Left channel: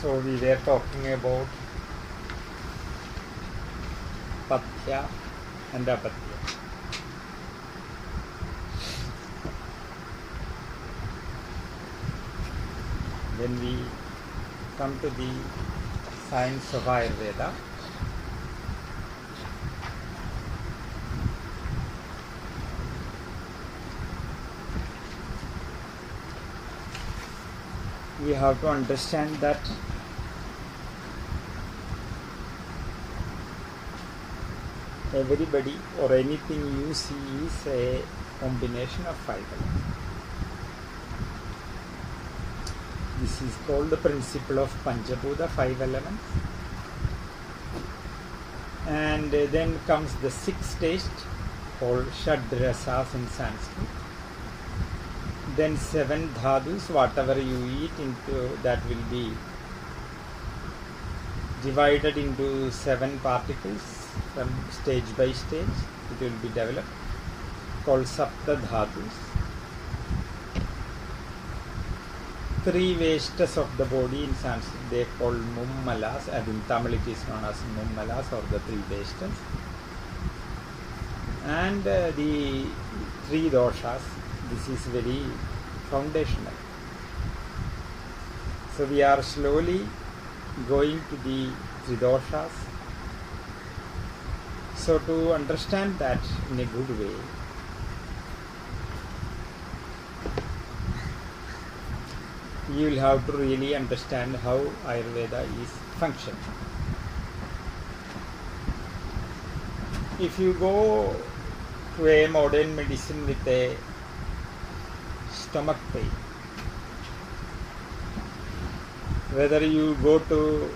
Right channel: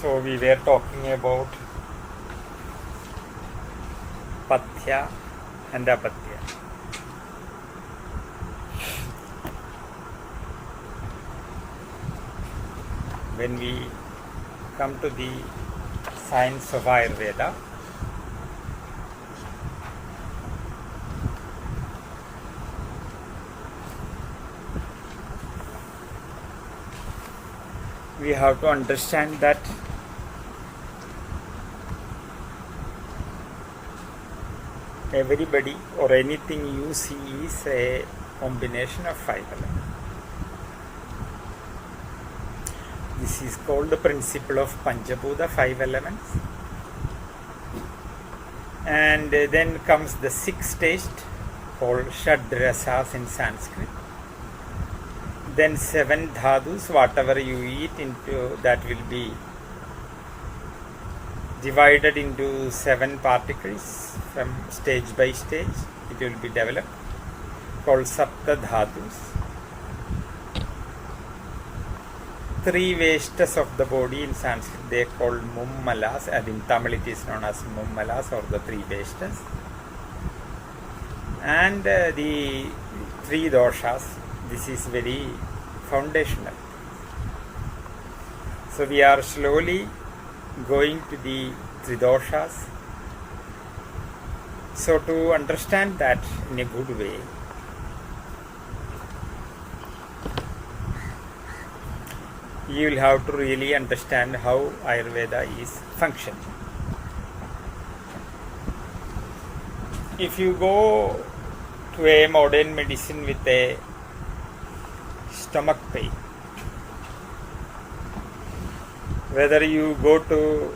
So we were talking about Pathya and Apatya. When we come to the science of Ayurveda, we have to understand that everybody or anything you see is a combination of five elements. This is called the principle of Panchabhuta, 5 elements. And then comes the sixth taste called Shadrasas in Sanskrit. Then 7 dhadus, whatever you eat into, that will be divided into 7 particles from stage by stage. It will be developed, called Sapta dhadus. 3 vestas of the body in Sanskrit they are called mummalas, and in Tamil it is known as mummalas, or the 3 vestas. And the 3 doshas, this is very foundational. So we are slowly going to the 3 doshas. So to understand that in a good way, you will have to really understand how Ayurveda is functioning. If you go to a modern medicine with a stomach pain, whether you go to,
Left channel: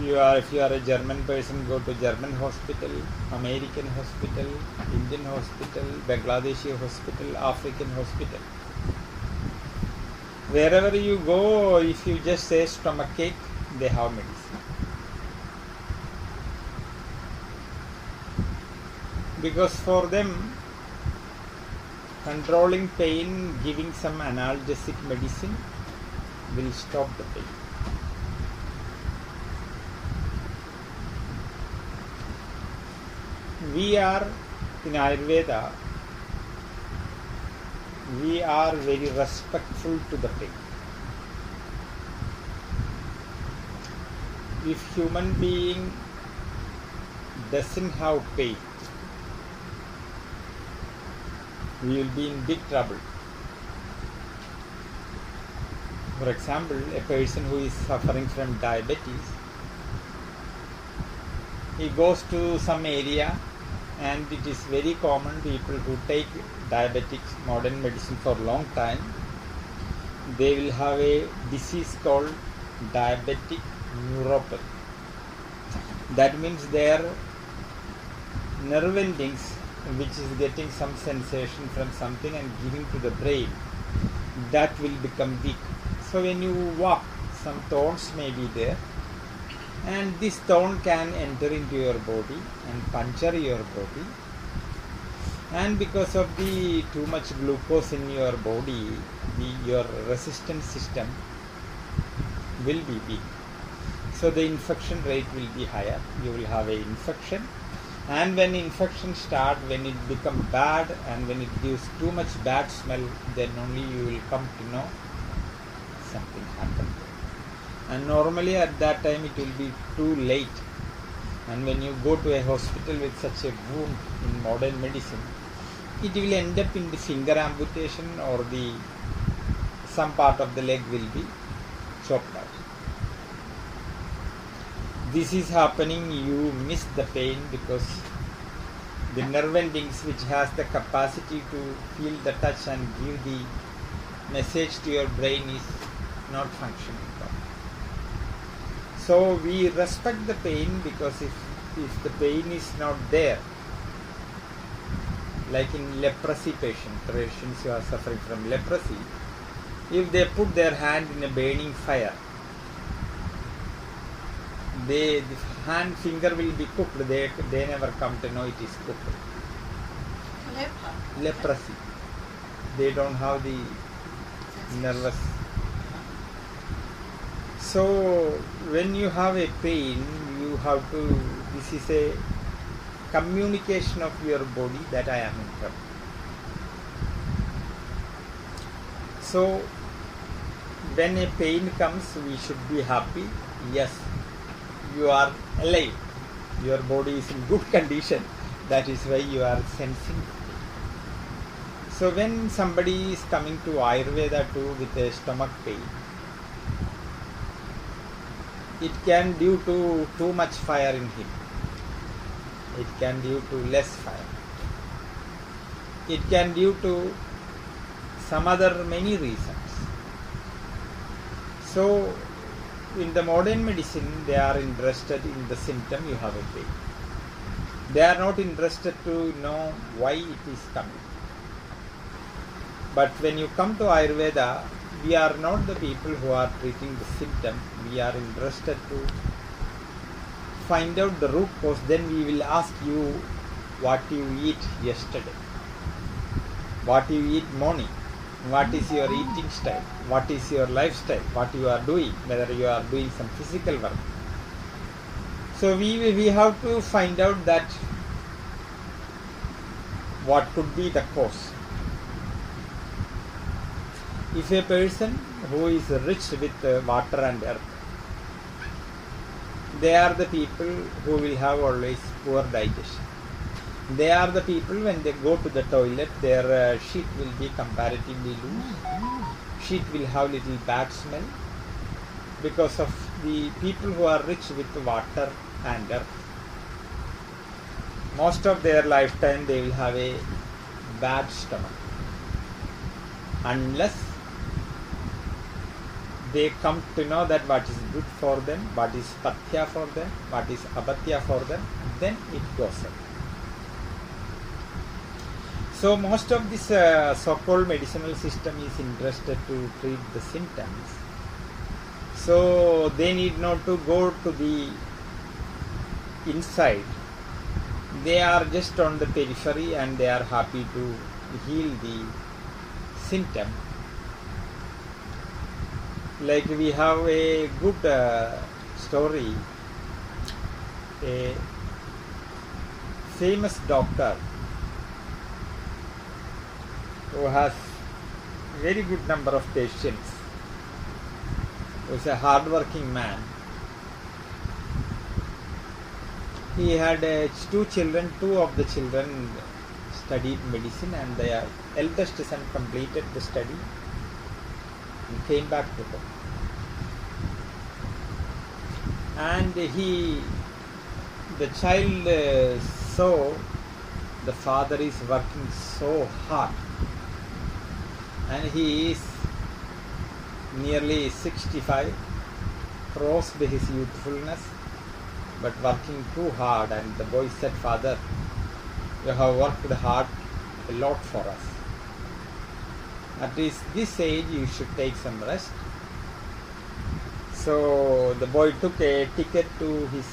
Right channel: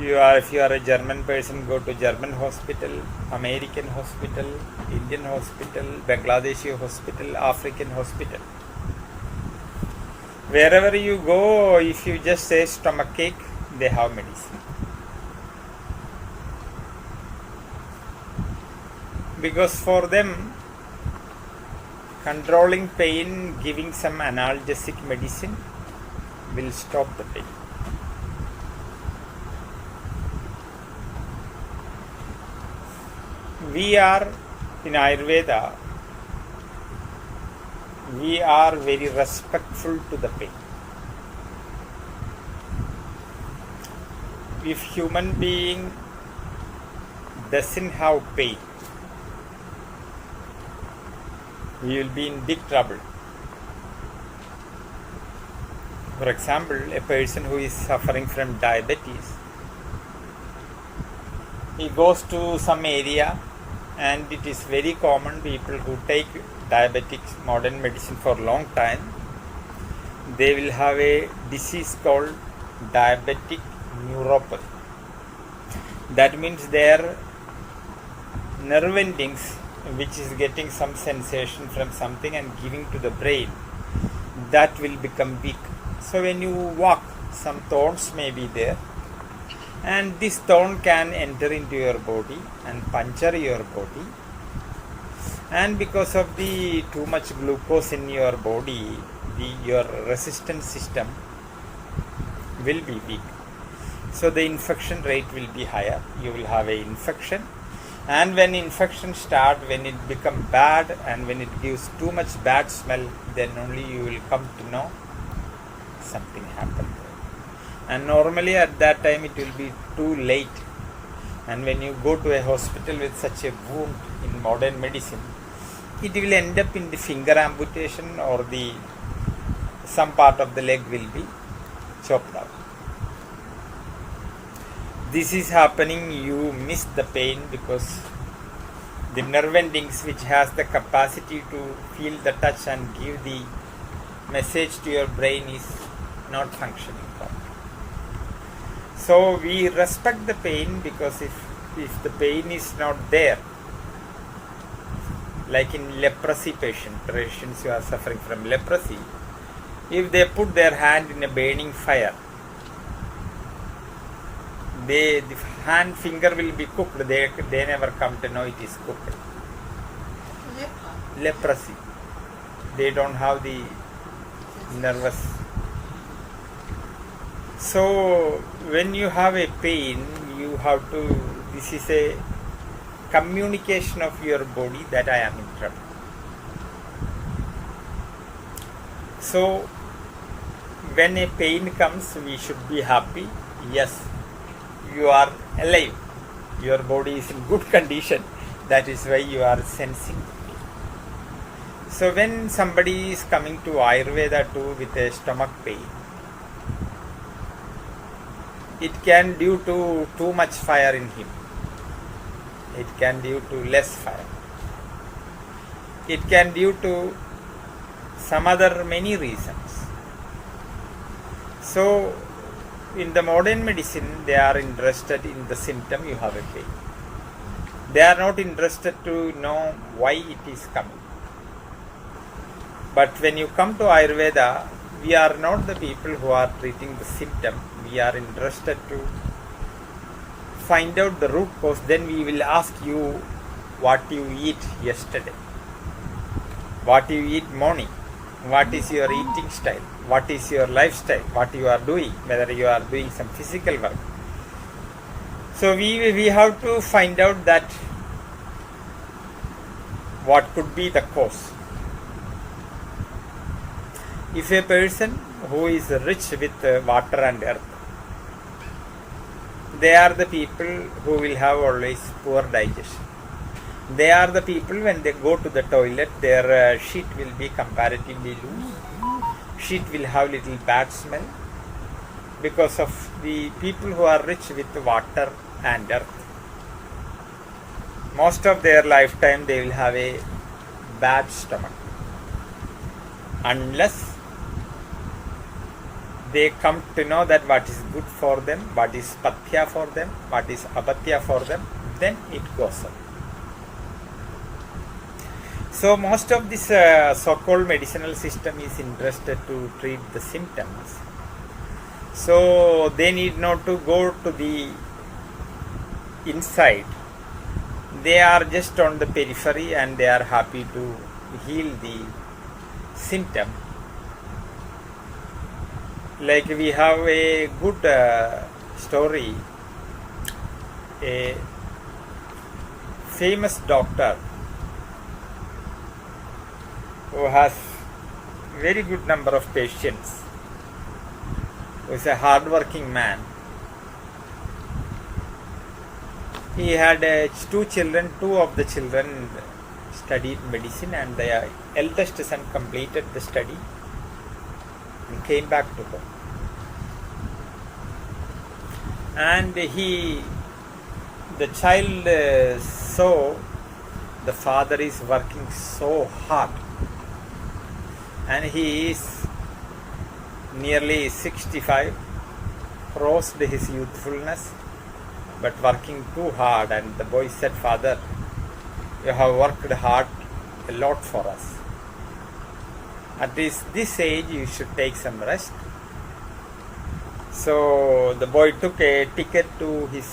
if you are a German person, go to German hospital, American hospital, Indian hospital, Bangladeshi hospital, African hospital. Wherever you go, if you just say stomach ache, they have medicine. Because for them, controlling pain, giving some analgesic medicine will stop the pain. We are in Ayurveda, we are very respectful to the pain. If human being doesn't have pain, we will be in big trouble. For example, a person who is suffering from diabetes, he goes to some area, and it is very common, people who take diabetics, modern medicine for a long time, they will have a disease called diabetic neuropathy. That means their nerve endings, which is getting some sensation from something and giving to the brain, that will become weak. So when you walk, some thorns may be there, and this thorn can enter into your body and puncture your body, and because of the too much glucose in your body, your resistance system will be weak. So the infection rate will be higher. You will have an infection, and when infection starts, when it becomes bad and when it gives too much bad smell, then only you will come to know something happened. And normally at that time it will be too late. And when you go to a hospital with such a wound in modern medicine, it will end up in the finger amputation, or some part of the leg will be chopped out. This is happening, you miss the pain because the nerve endings, which has the capacity to feel the touch and give the message to your brain, is not functioning. So we respect the pain, because if the pain is not there, like in leprosy patients who are suffering from leprosy, if they put their hand in a burning fire, the hand finger will be cooked. They never come to know it is cooked. Leprosy. They don't have the nervous So when you have a pain, you have to, this is a communication of your body that I am in trouble. So when a pain comes, we should be happy. Yes, you are alive. Your body is in good condition. That is why you are sensing. So when somebody is coming to Ayurveda too with a stomach pain, it can due to too much fire in him. It can due to less fire. It can due to some other many reasons. So in the modern medicine, they are interested in the symptom you have a pain. They are not interested to know why it is coming. But when you come to Ayurveda, we are not the people who are treating the symptom. We are interested to find out the root cause. Then we will ask you what you eat yesterday, what you eat morning, what is your eating style, what is your lifestyle, what you are doing, whether you are doing some physical work. So we have to find out that what could be the cause. If a person who is rich with water and earth, they are the people who will have always poor digestion. They are the people when they go to the toilet, their shit will be comparatively loose. Shit will have little bad smell because of the people who are rich with water and earth. Most of their lifetime they will have a bad stomach unless they come to know that what is good for them, what is pathya for them, what is apatya for them, then it goes up. So most of this so-called medicinal system is interested to treat the symptoms. So they need not to go to the inside. They are just on the periphery and they are happy to heal the symptom. Like we have a good story. A famous doctor who has very good number of patients, who is a hard-working man. He had two children. Two of the children studied medicine, and the eldest son completed the study and came back to home. And the child saw the father is working so hard, and he is nearly 65, crossed his youthfulness, but working too hard. And the boy said, "Father, you have worked hard a lot for us. At this age you should take some rest." So the boy took a ticket to his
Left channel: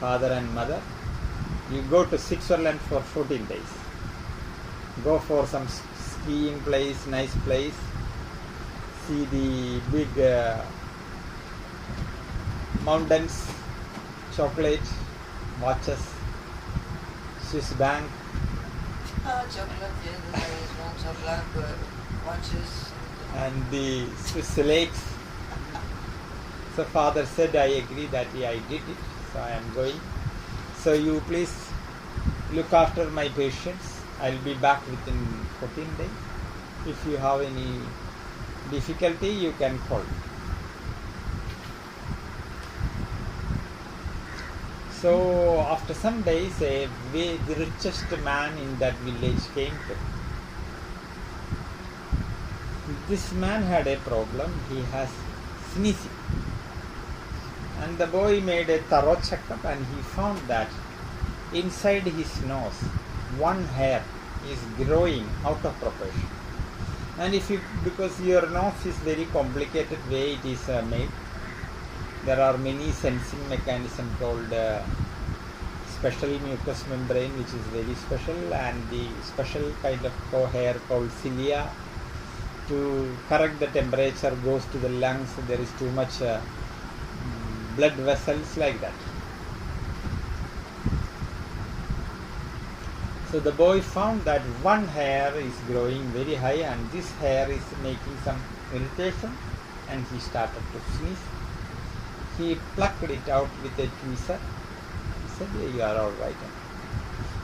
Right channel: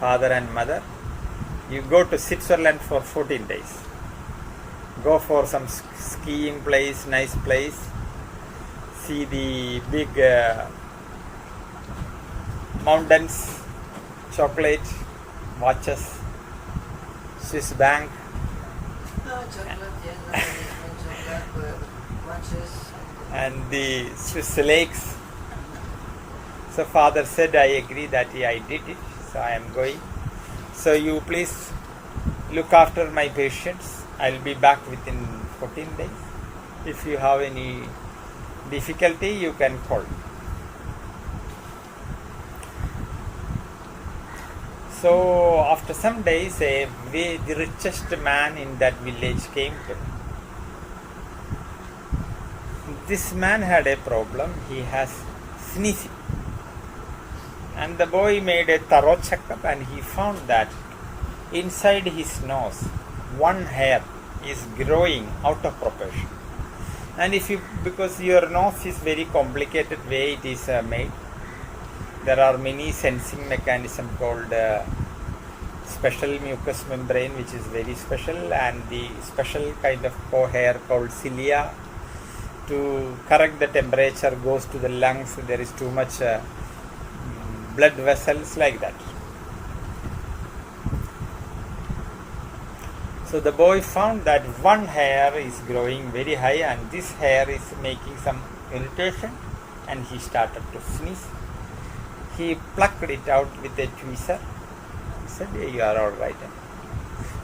father and mother. "You go to Switzerland for 14 days. Go for some skiing place, nice place. See the big mountains, chocolate, watches, Swiss bank." And the Swiss lakes. So father said, "I agree that I did it, so I am going. So you please look after my patients. I'll be back within 14 days. If you have any difficulty, you can call me." So after some days, the richest man in that village came to him. This man had a problem. He has sneezing. And the boy made a thorough checkup, and he found that inside his nose, one hair is growing out of proportion. And because your nose is very complicated way it is made, there are many sensing mechanism called special mucous membrane, which is very special, and the special kind of hair called cilia to correct the temperature goes to the lungs. There is too much blood vessels, like that. So the boy found that one hair is growing very high and this hair is making some irritation, and he started to sneeze. He plucked it out with a tweezer. He said, "You are all right."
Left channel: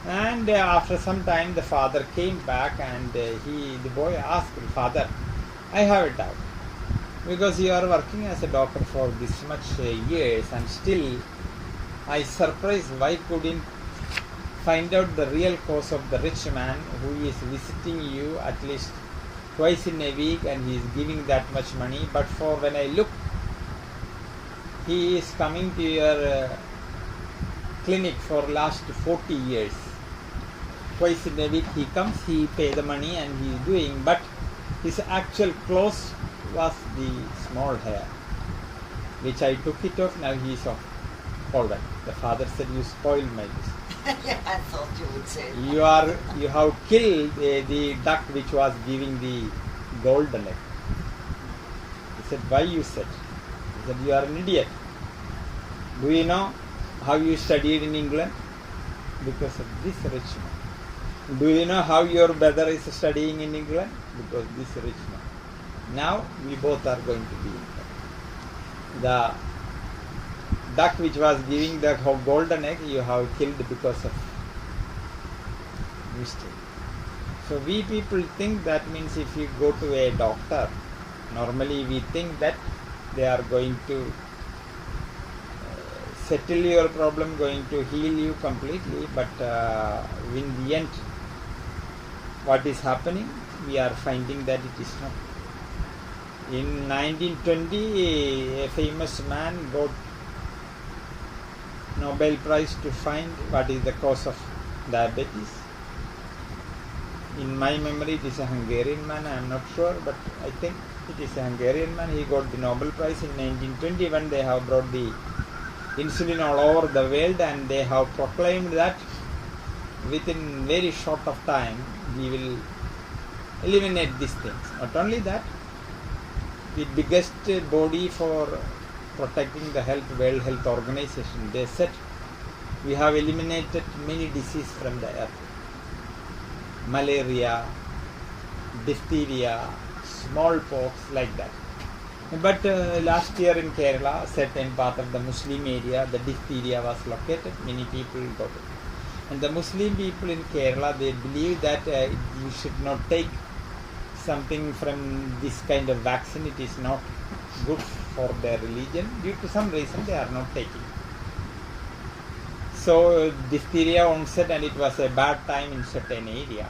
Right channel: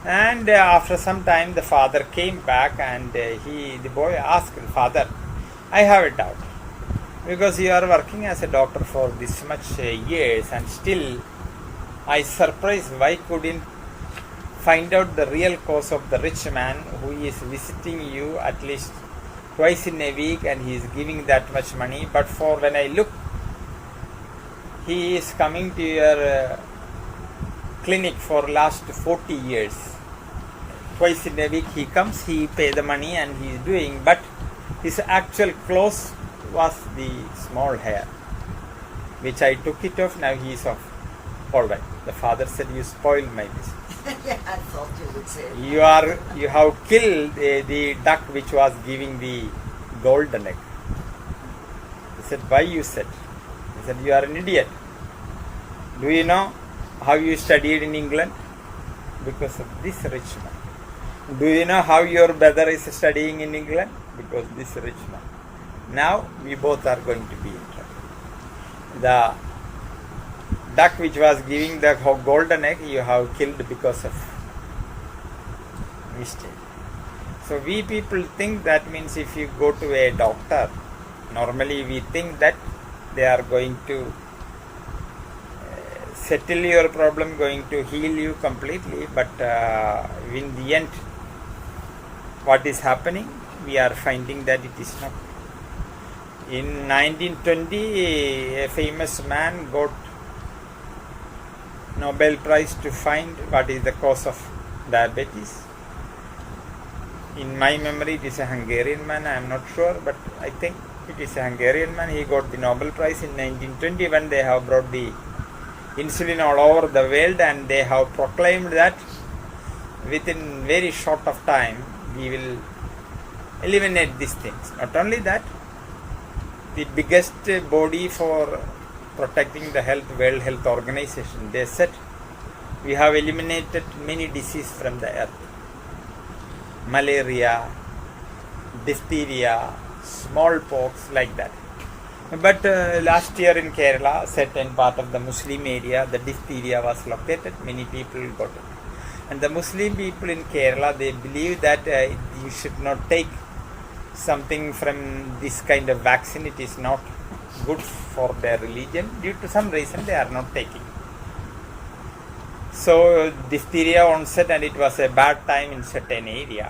And after some time the father came back, and the boy asked, "Father, I have a doubt, because you are working as a doctor for this much years, and still I surprised why couldn't find out the real cause of the rich man who is visiting you at least twice in a week, and he is giving that much money, but for when I look, he is coming to your clinic for last 40 years. Twice in a week he comes, he pay the money and he is doing, but his actual clothes was the small hair, which I took it off, now he is off. All right." The father said, "You spoiled my business. Yeah, I thought you would say You have killed the duck which was giving the golden egg." He said, "Why you said?" He said, "You are an idiot. Do you know how you studied in England? Because of this rich man. Do you know how your brother is studying in England? Because this rich man. Now we both are going to be in trouble. The duck which was giving the golden egg you have killed because of mistake." So we people think that means if you go to a doctor, normally we think that they are going to settle your problem, going to heal you completely, but in the end what is happening, we are finding that it is not. In 1920 a famous man got Nobel Prize to find what is the cause of diabetes. In my memory it is a Hungarian man, I am not sure, but I think it is a Hungarian man. He got the Nobel Prize in 1920 when they have brought the insulin all over the world, and they have proclaimed that within very short of time we will eliminate these things. Not only that, the biggest body for protecting the health, World Health Organization, they said we have eliminated many diseases from the earth. Malaria, diphtheria, smallpox, like that. But last year in Kerala, certain part of the Muslim area, the diphtheria was located, many people got it. And the Muslim people in Kerala, they believe that you should not take something from this kind of vaccine. It is not good for their religion. Due to some reason they are not taking. So diphtheria onset, and it was a bad time in certain area.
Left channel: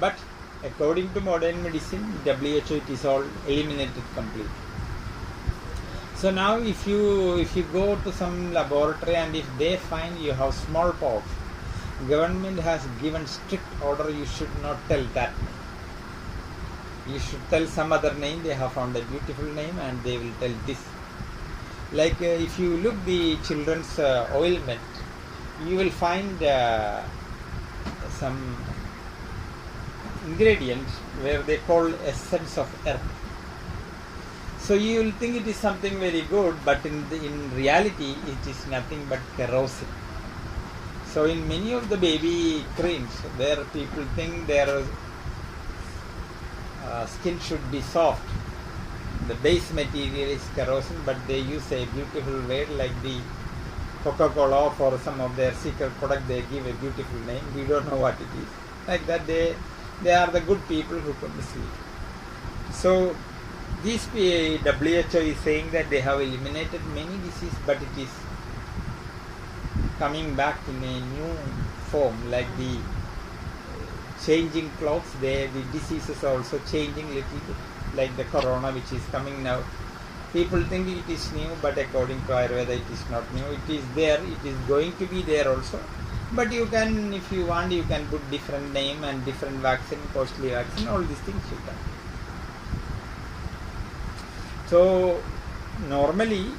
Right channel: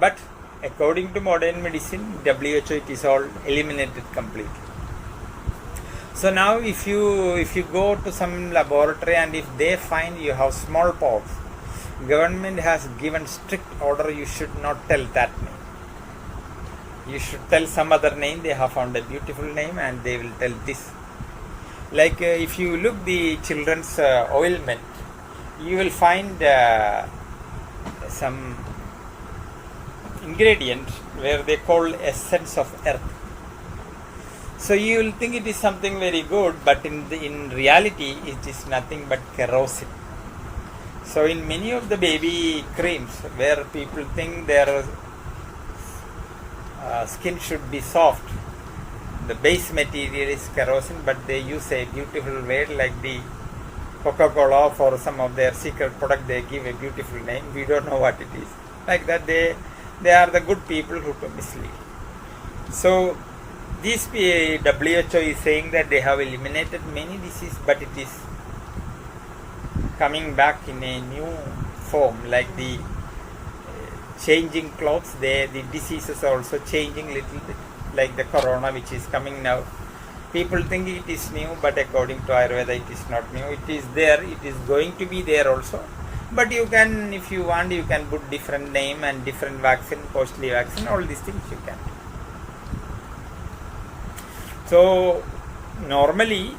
But according to modern medicine, WHO, it is all eliminated completely. So now if you go to some laboratory and if they find you have smallpox, government has given strict order, you should not tell that name. You should tell some other name. They have found a beautiful name and they will tell this. Like if you look the children's ointment, you will find some ingredient where they call essence of earth. So you will think it is something very good, but in reality it is nothing but kerosene. So in many of the baby creams where people think their skin should be soft, the base material is kerosene, but they use a beautiful word like the Coca-Cola for some of their secret product. They give a beautiful name. We don't know what it is. Like that, they are the good people who can mislead. So this WHO is saying that they have eliminated many diseases, but it is coming back in a new form, like the changing clothes. The diseases are also changing little bit, like the corona which is coming now. People think it is new, but according to Ayurveda it is not new. It is there, it is going to be there also. But you can, if you want, you can put different name and different vaccine, costly vaccine, all these things you can. So normally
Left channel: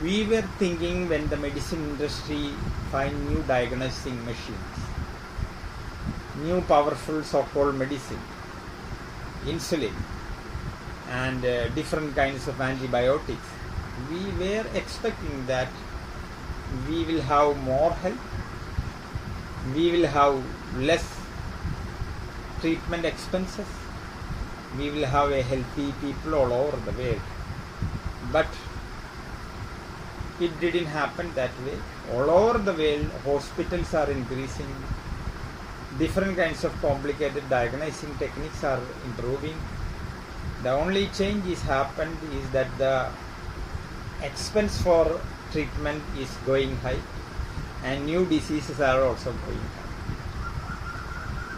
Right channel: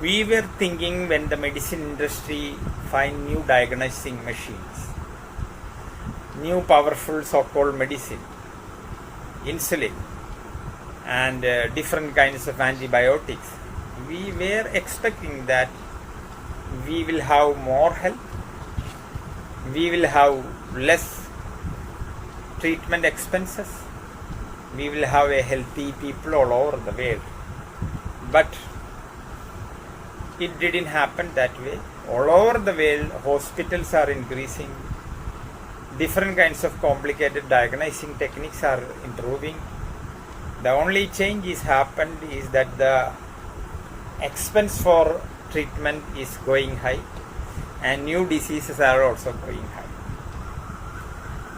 we were thinking when the medicine industry find new diagnosing machines, new powerful so-called medicine, insulin and different kinds of antibiotics, we were expecting that we will have more help, we will have less treatment expenses, we will have a healthy people all over the world. But it didn't happen that way. All over the world, hospitals are increasing, different kinds of complicated diagnosing techniques are improving. The only change is happened is that the expense for treatment is going high and new diseases are also going high.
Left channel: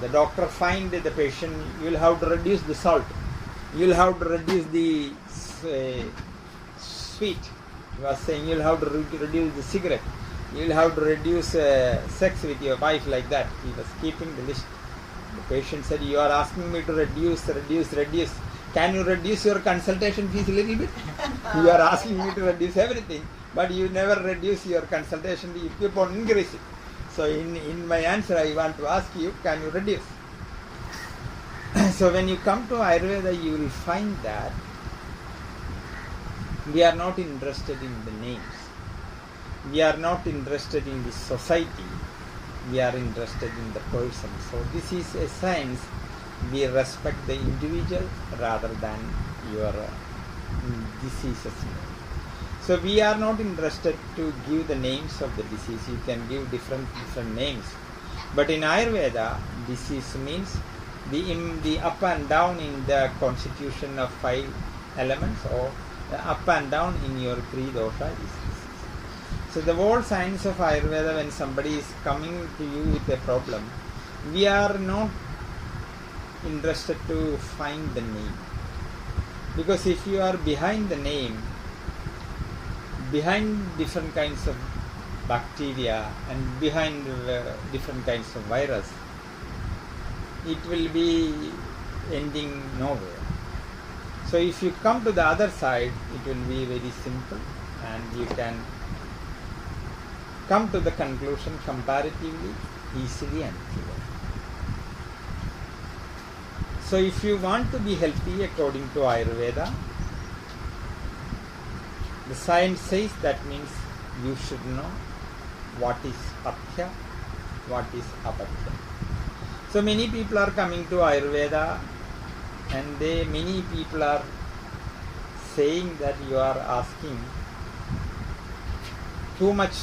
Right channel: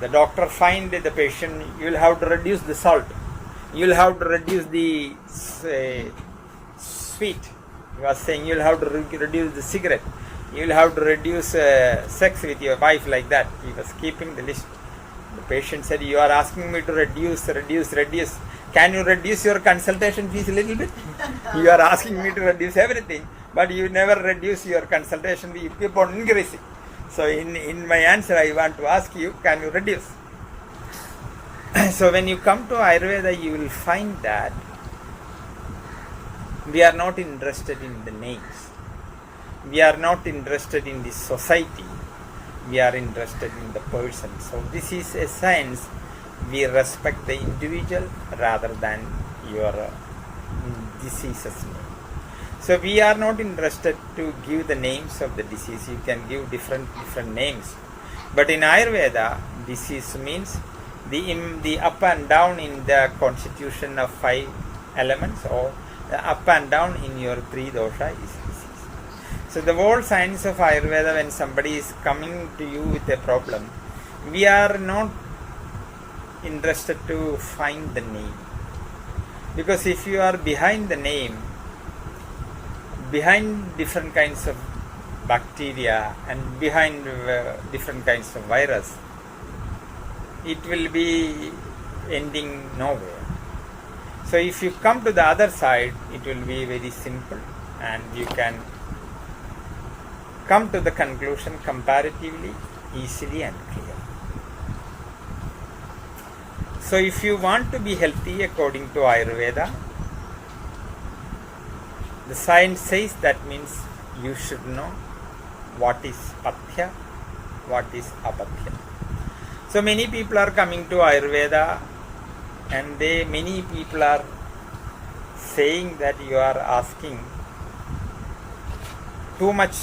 The doctor find the patient, you will have to reduce the salt, you will have to reduce the sweet, he was saying you will have to reduce the cigarette, you will have to reduce sex with your wife, like that. He was keeping the list. The patient said, you are asking me to reduce. Can you reduce your consultation fees a little bit? You are asking me to reduce everything, but you never reduce your consultation fee, you keep on increasing. So in my answer, I want to ask you, can you reduce? So when you come to Ayurveda, you will find that we are not interested in the names. We are not interested in the society. We are interested in the person. So this is a science. We respect the individual rather than your diseases. So we are not interested to give the names of the disease. You can give different names. But in Ayurveda, disease means the up and down in the constitution of 5 elements, or the up and down in your 3 dosha is disease. So the whole science of Ayurveda, when somebody is coming to you with a problem, we are not interested to find the name. Because if you are behind the name, behind different kinds of bacteria and behind different kinds of virus, it will be ending nowhere. So if you come to the other side, it will be very simple and you can come to the conclusion comparatively easily and clear. So if you want to be healthy according to Ayurveda, the science says that means you should know what is pathya, what is apathya. So many people are coming to Ayurveda and many people are saying that you are asking too much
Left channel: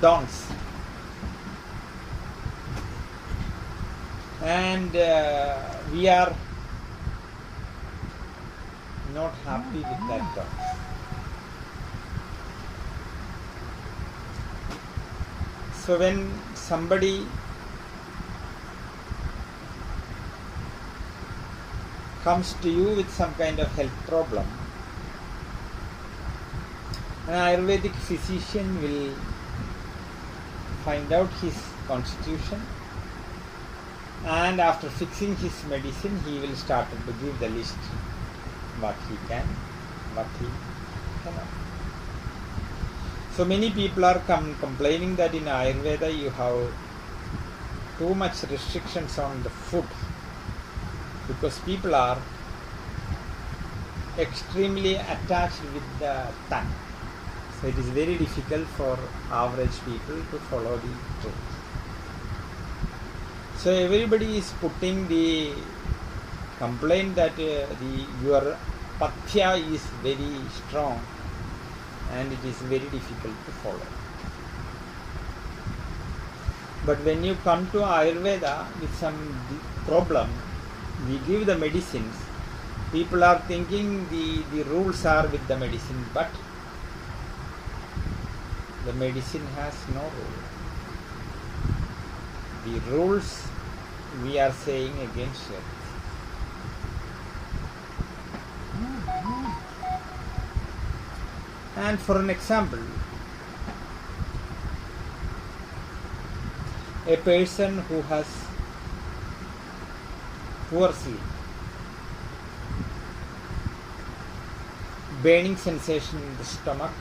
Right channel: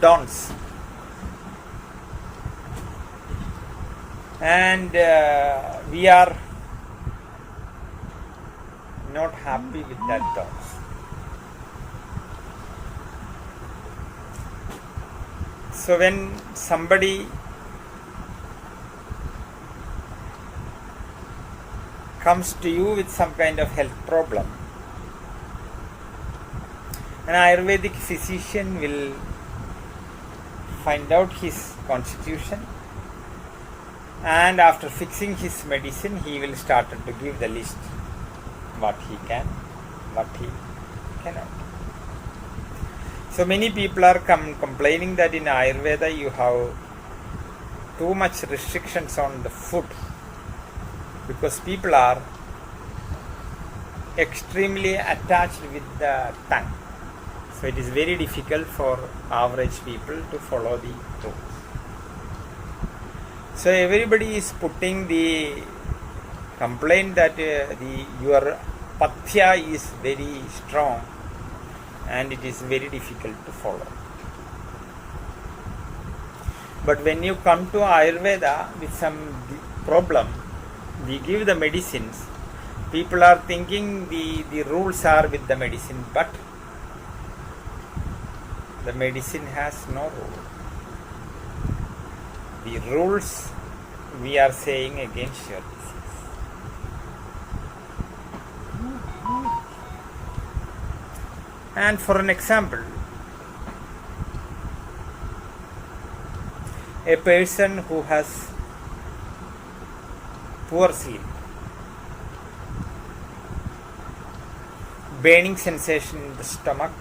don'ts. And we are not happy with that don'ts. So when somebody comes to you with some kind of health problem, an Ayurvedic physician will find out his constitution, and after fixing his medicine, he will start to give the list what he can, what he cannot. So many people are complaining that in Ayurveda you have too much restrictions on the food, because people are extremely attached with the tongue. So it is very difficult for average people to follow the rules. So everybody is putting the complaint that your pathya is very strong and it is very difficult to follow. But when you come to Ayurveda with some problem, we give the medicines. People are thinking the rules are with the medicine, but the medicine has no rule. The rules we are saying against your disease. And for an example, a person who has poor sleep, burning sensation in the stomach,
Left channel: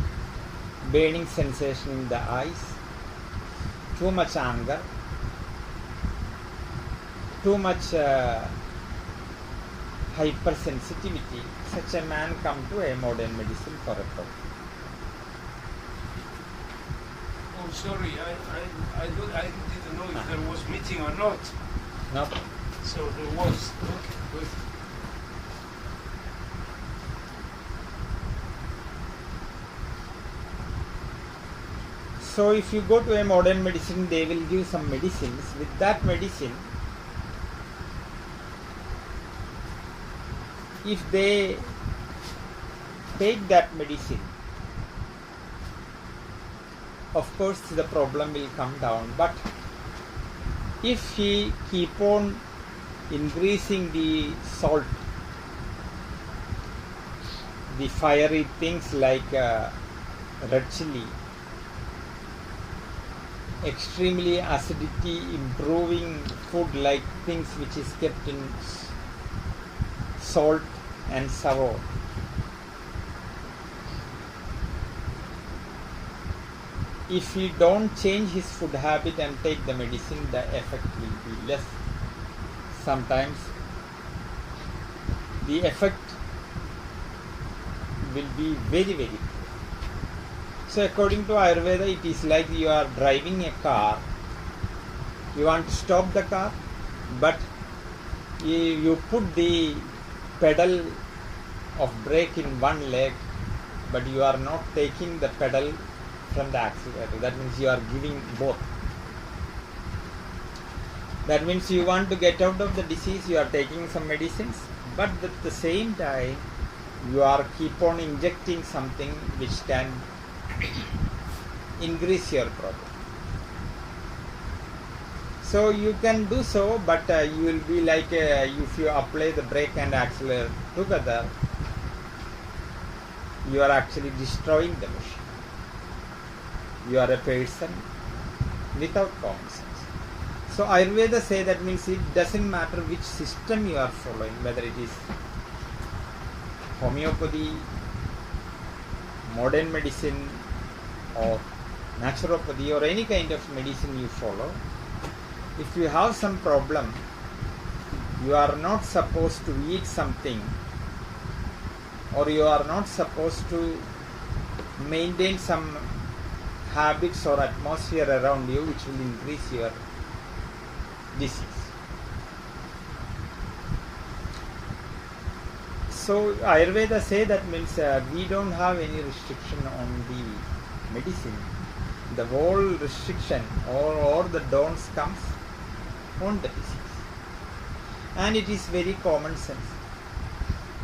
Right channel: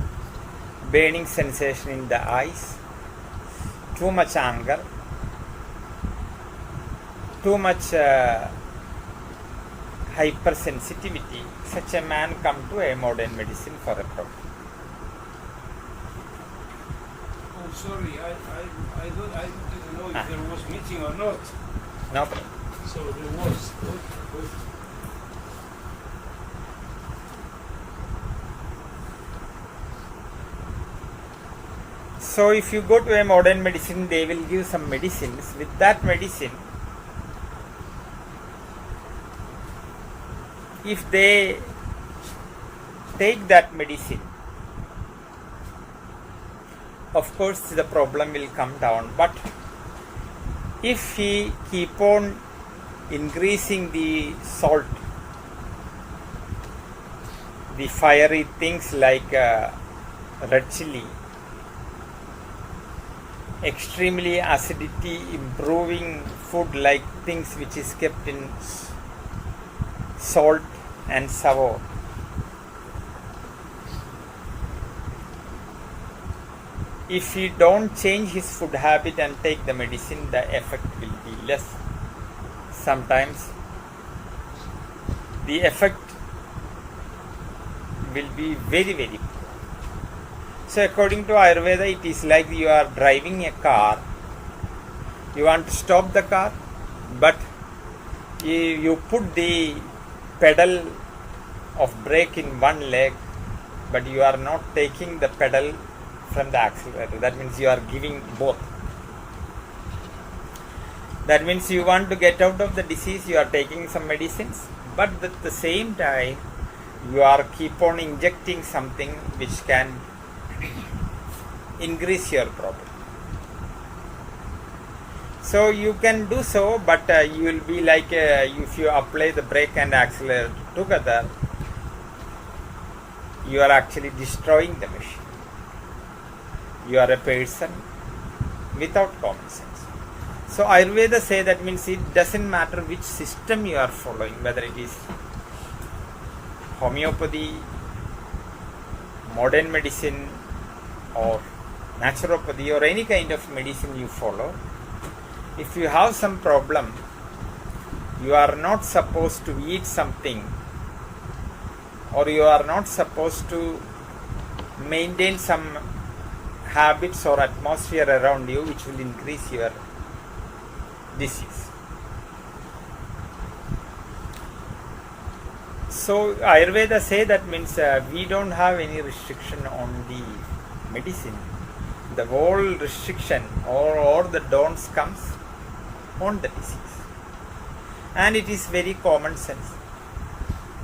burning sensation in the eyes, too much anger, too much hypersensitivity, such a man come to a modern medicine for a problem. sorry, I didn't know if there was meeting or not. No. So there was. Okay, good. So if you go to a modern medicine, they will give some medicines. With that medicine, if they take that medicine, of course the problem will come down. But if he keep on increasing the salt, the fiery things like red chili, extremely acidity improving food like things which is kept in salt and sour, if he don't change his food habit and take the medicine, the effect will be less. Sometimes the effect will be very, very poor. So according to Ayurveda, it is like you are driving a car. You want to stop the car, but you put the pedal of brake in one leg, but you are not taking the pedal from the accelerator. That means you are giving both. That means you want to get out of the disease, you are taking some medicines, but at the same time you are keep on injecting something which can increase your problem. So you can do so, but you will be like if you apply the brake and accelerator together, you are actually destroying the machine. You are a person without common sense. So Ayurveda say that means it doesn't matter which system you are following, whether it is homeopathy, modern medicine, or naturopathy, or any kind of medicine you follow. If you have some problem, you are not supposed to eat something, or you are not supposed to maintain some habits or atmosphere around you which will increase your disease. So Ayurveda say that means we don't have any restriction on the medicine. The whole restriction or the don'ts comes on the disease, and it is very common sense.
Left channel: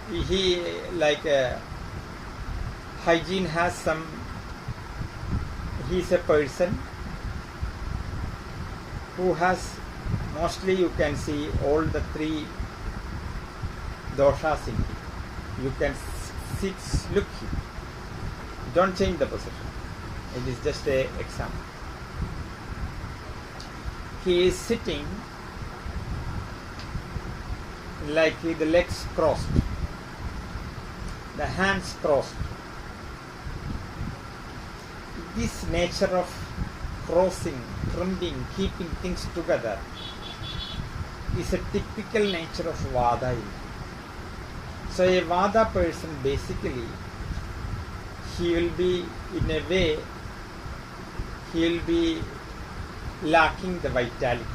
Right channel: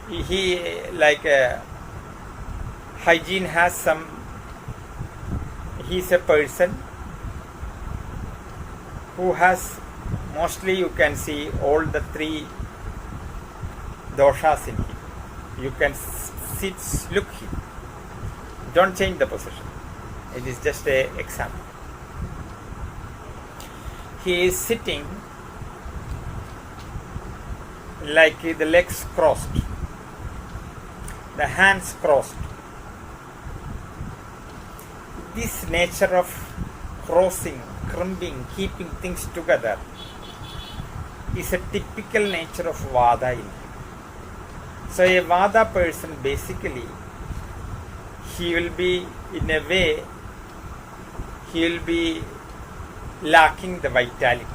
He like hygiene has some. He is a person who has mostly you can see all the three doshas in him. You can sit, look him. Don't change the position. It is just an example. He is sitting like the legs crossed, the hands crossed. This nature of crossing, crimping, keeping things together is a typical nature of Vada in him. So a Vada person basically, he will be in a way, he will be lacking the vitality.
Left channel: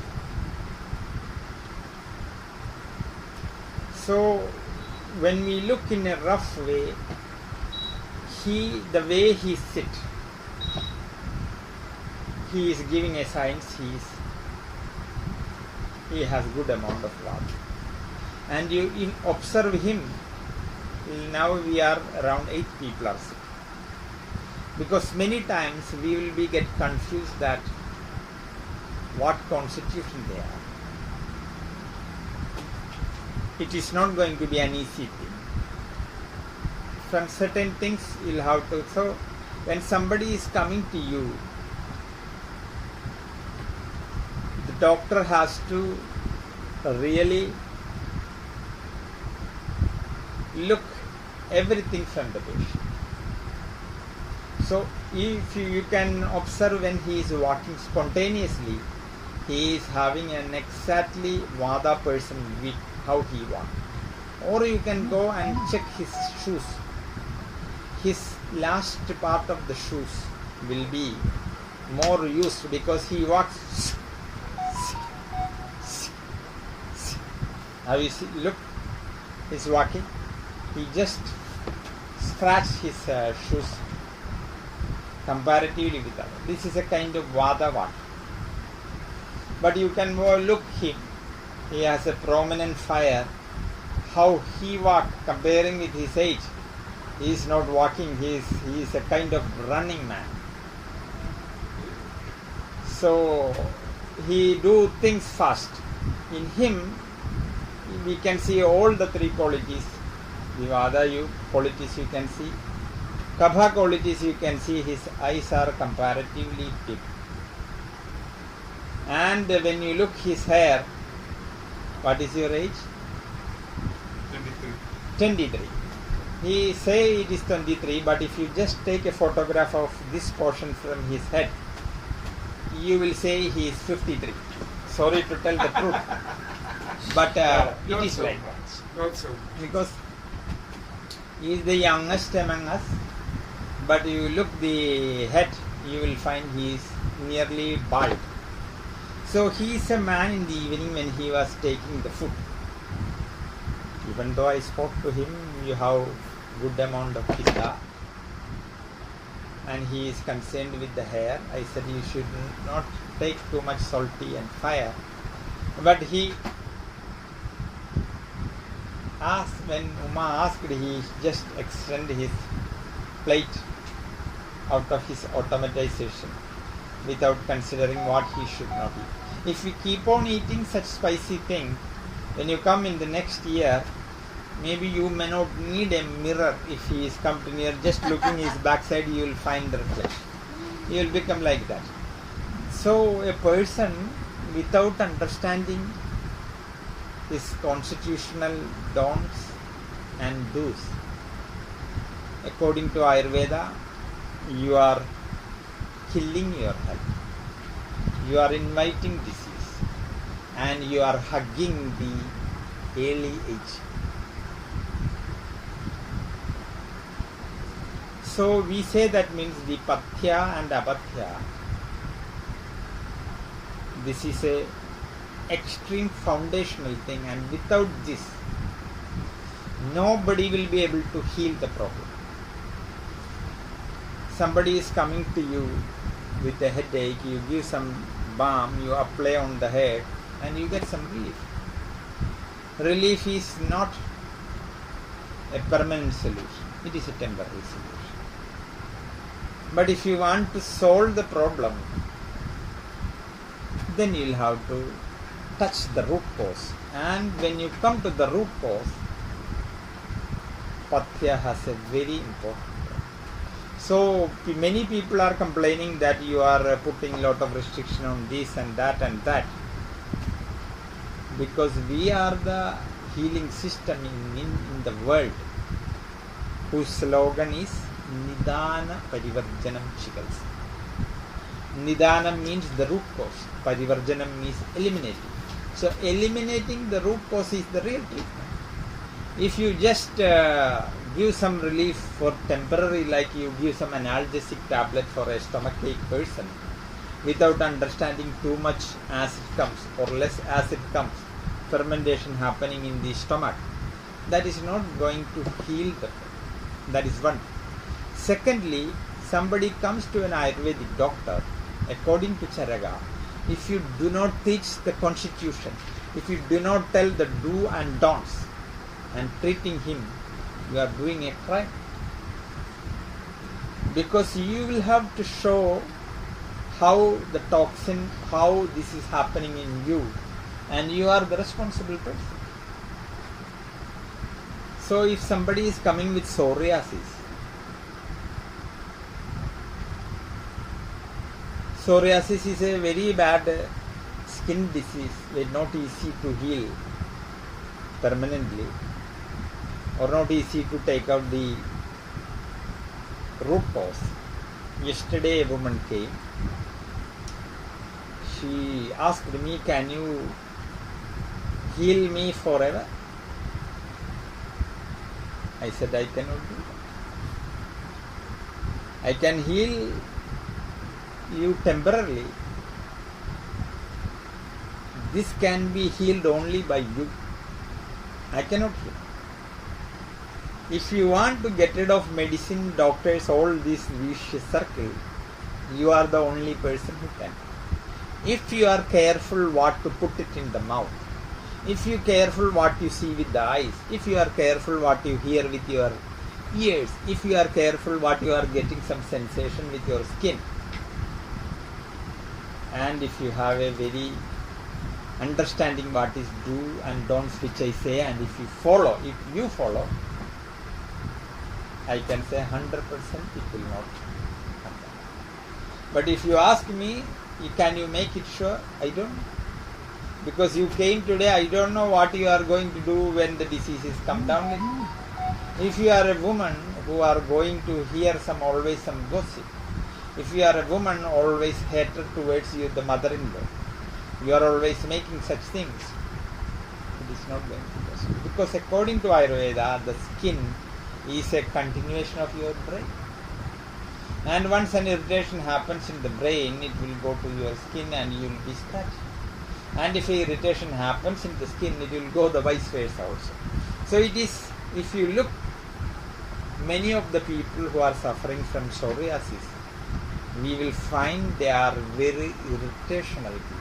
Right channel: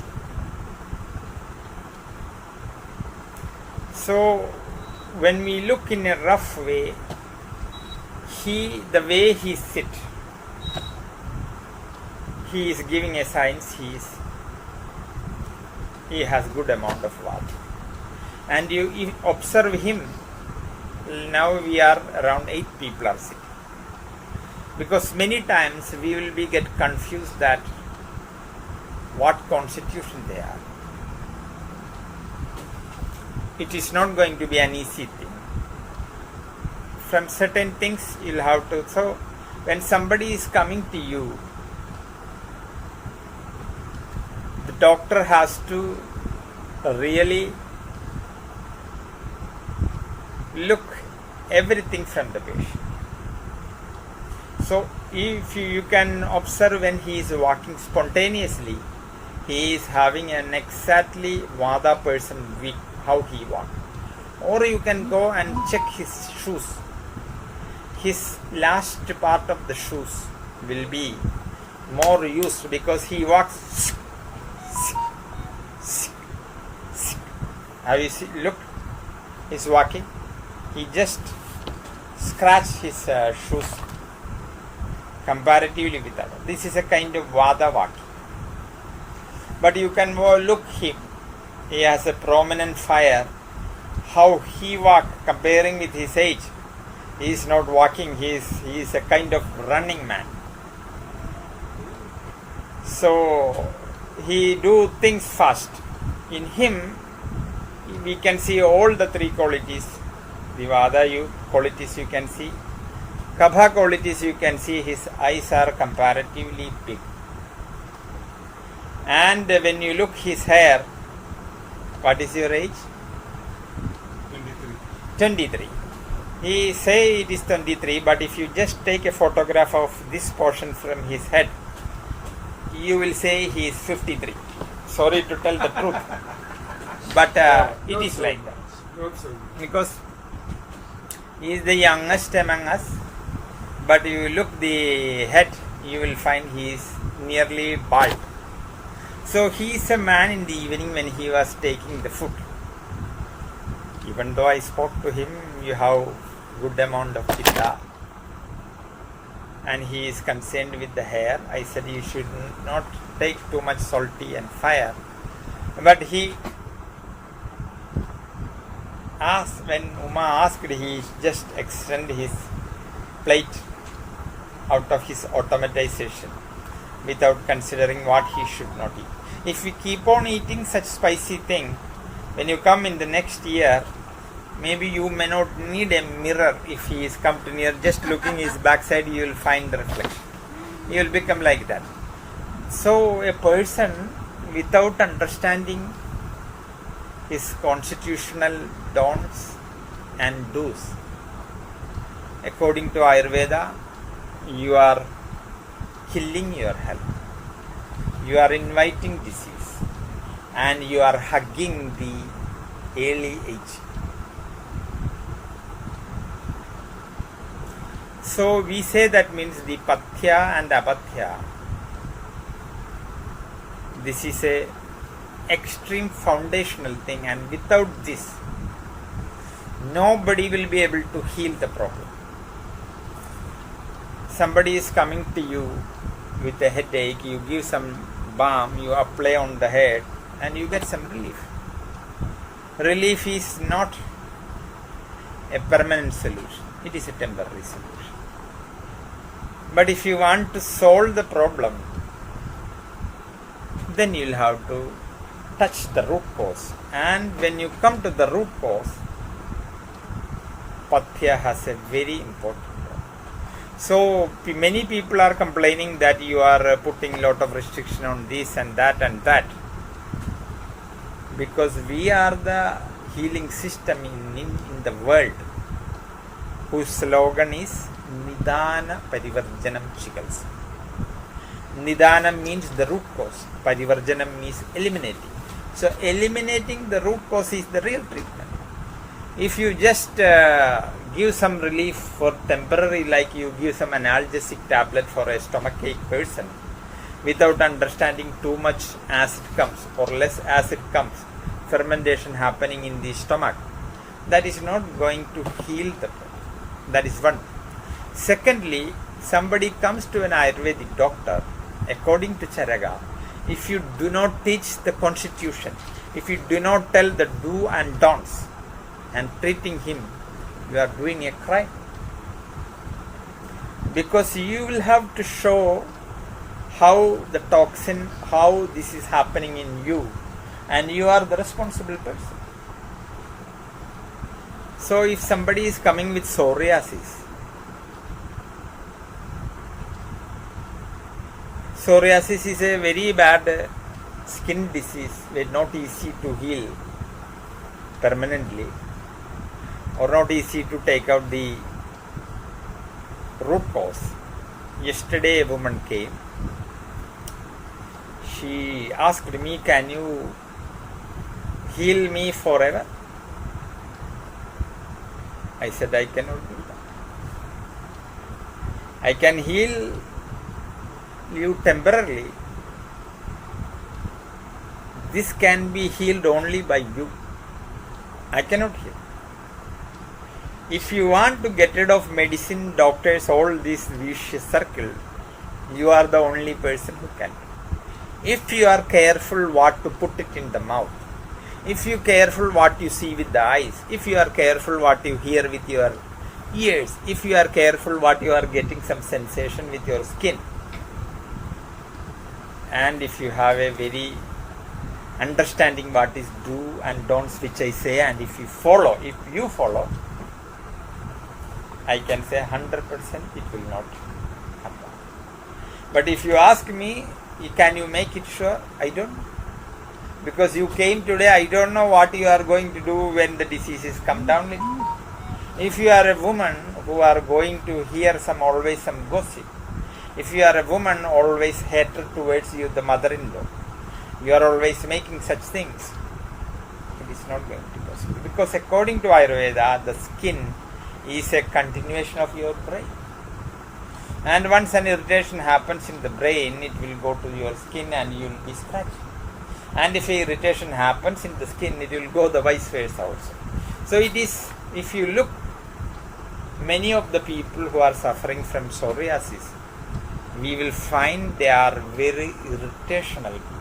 So when we look in a rough way, the way he sit, he is giving a signs he has good amount of Vata. And you observe him, now we are around 8 people are sick. Because many times we will be get confused that what constitution they are. It is not going to be an easy thing. From certain things you'll have to, so when somebody is coming to you, the doctor has to really look everything from the patient. So if you can observe when he is walking spontaneously, he is having an exactly Vada person with how he walks. Or you can go and check his shoes. His last part of the shoes will be more used because he walks. Have you see, look, he's walking. He just scratched his shoes comparatively with others. This is a kind of Vada walk. But you can look him. He has a prominent fire. How he walk comparing with his age. He is not walking. He is a kind of running man. So he do things fast. In him, we can see all the three qualities. The Vada qualities you can see. Kapha qualities you can see. His eyes are comparatively big. And when you look his hair, what is your age? 23. He say it is 23, but if you just take a photograph of this portion from his head, you will say he is 53. Sorry to tell the truth. But it is like that. Because he is the youngest among us, but you look the head, you will find he is nearly bald. So he is a man in the evening when he was taking the food. Even though I spoke to him, you have good amount of pitta, and he is concerned with the hair. I said you should not take too much salty and fire. But he asked, when Uma asked, he just extended his plate out of his automatization without considering what he should not eat. If we keep on eating such spicy thing, when you come in the next year, maybe you may not need a mirror. If he is come to near, just looking his backside, you will find the reflection. You will become like that. So a person without understanding his constitutional don'ts and do's, according to Ayurveda, you are killing your health. You are inviting disease, and you are hugging the early age. So we say that means the pathya and apathya. This is a extreme foundational thing, and without this, nobody will be able to heal the problem. Somebody is coming to you with a headache, you give some balm, you apply on the head, and you get some relief. Relief is not a permanent solution, it is a temporary solution. But if you want to solve the problem, then you will have to touch the root cause. And when you come to the root cause, pathya has a very important. So many people are complaining that you are putting a lot of restriction on this and that and that. Because we are the healing system in the world whose slogan is Nidana Parivarjanam Chikalsa. Nidana means the root cause. Parivarjanam means eliminating. So eliminating the root cause is the real treatment. If you just give some relief for temporary, like you give some analgesic tablet for a stomachache person, without understanding too much acid comes or less acid comes, fermentation happening in the stomach, that is not going to heal the problem. That is one. Secondly, somebody comes to an Ayurvedic doctor, according to Charaka, if you do not teach the constitution, if you do not tell the do and don'ts, and treating him, you are doing a crime. Because you will have to show how the toxin, how this is happening in you, and you are the responsible person. So if somebody is coming with psoriasis, psoriasis is a very bad skin disease, very not easy to heal permanently, or not easy to take out the root cause. Yesterday a woman came. She asked me, can you heal me forever? I said, I cannot do that. I can heal live temporarily. This can be healed only by you. I cannot heal. If you want to get rid of medicine, doctors, all this vicious circle, you are the only person who can. If you are careful what to put it in the mouth, if you are careful what you see with the eyes, if you are careful what you hear with your ears, if you are careful what you are getting some sensation with your skin, and if you have a very understanding what is do and don'ts which I say, and if you follow, I can say 100% it will not happen. But if you ask me, can you make it sure? I don't know. Because you came today, I don't know what you are going to do when the diseases come down. If you are a woman who are going to hear always some gossip, if you are a woman always hatred towards you, the mother-in-law, you are always making such things, it is not going to be possible. Because according to Ayurveda, the skin is a continuation of your brain. And once an irritation happens in the brain, it will go to your skin and you will be scratched. And if irritation happens in the skin, it will go the vice versa also. So it is, if you look, many of the people who are suffering from psoriasis, we will find they are very irritational people.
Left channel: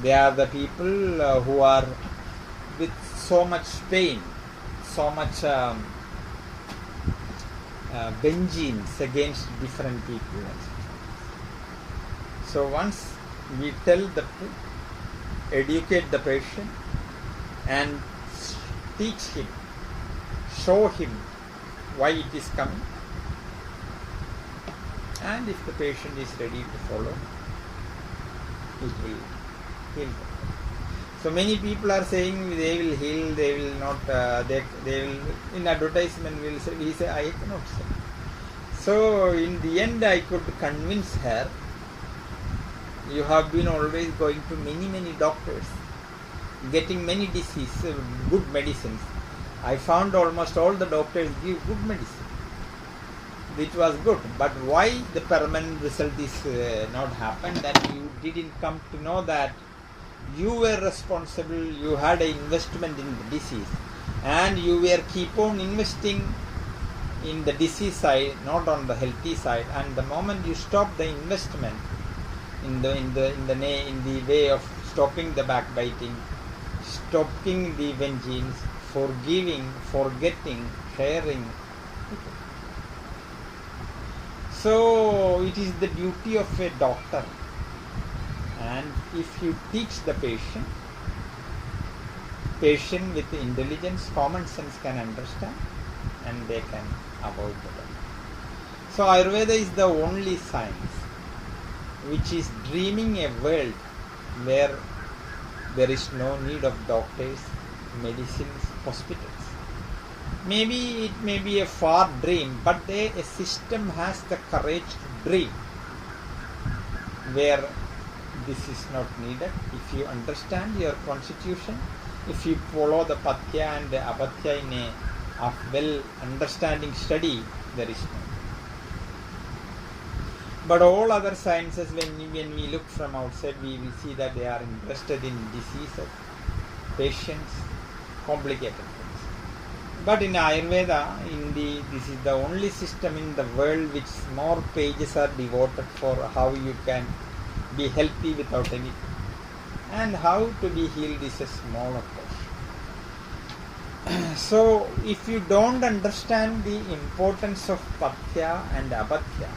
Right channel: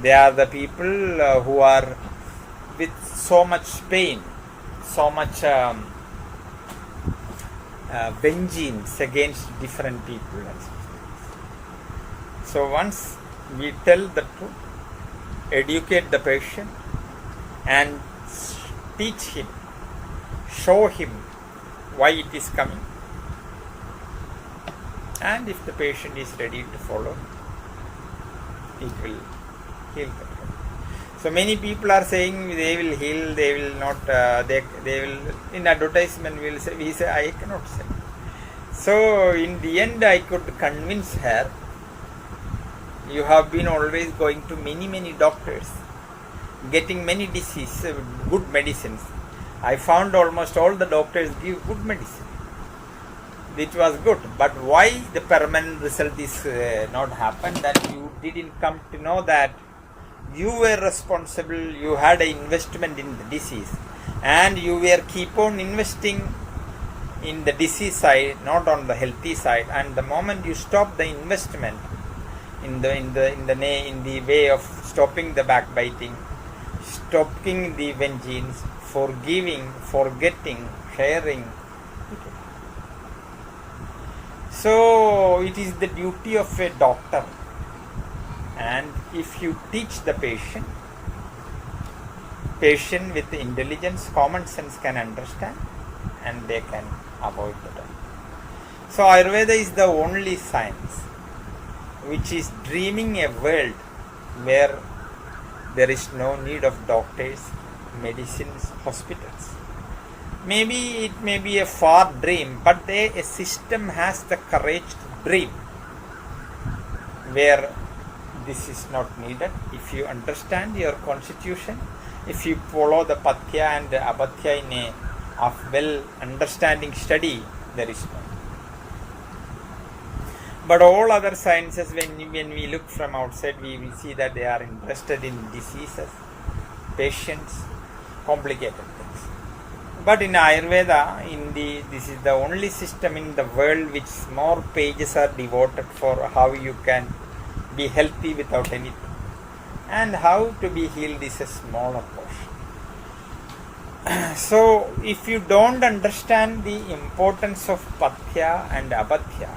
They are the people who are with so much pain, so much vengeance against different people. So once we tell the truth, educate the patient and teach him, show him why it is coming, and if the patient is ready to follow, it will heal. So many people are saying they will heal, they will not, they will, in advertisement we say, I cannot say. So in the end I could convince her, you have been always going to many doctors, getting many diseases, good medicines. I found almost all the doctors give good medicine, which was good. But why the permanent result is not happened, that you didn't come to know that you were responsible, you had an investment in the disease, and you were keep on investing in the disease side, not on the healthy side. And the moment you stop the investment in the way of stopping the backbiting, stopping the vengeance, forgiving, forgetting, sharing. So it is the duty of a doctor, and if you teach the patient with intelligence, common sense can understand, and they can avoid the doctor. So Ayurveda is the only science which is dreaming a world where there is no need of doctors, medicines, hospitals. Maybe it may be a far dream, but a system has the courage to dream where this is not needed. If you understand your constitution, if you follow the Pathya and the Apathya in a well understanding study, there is no. But all other sciences, when we look from outside, we will see that they are interested in diseases, patients, complicated things. But in Ayurveda, this is the only system in the world which more pages are devoted for how you can be healthy without anything, and how to be healed is a smaller portion. So if you don't understand the importance of Pathya and Apathya,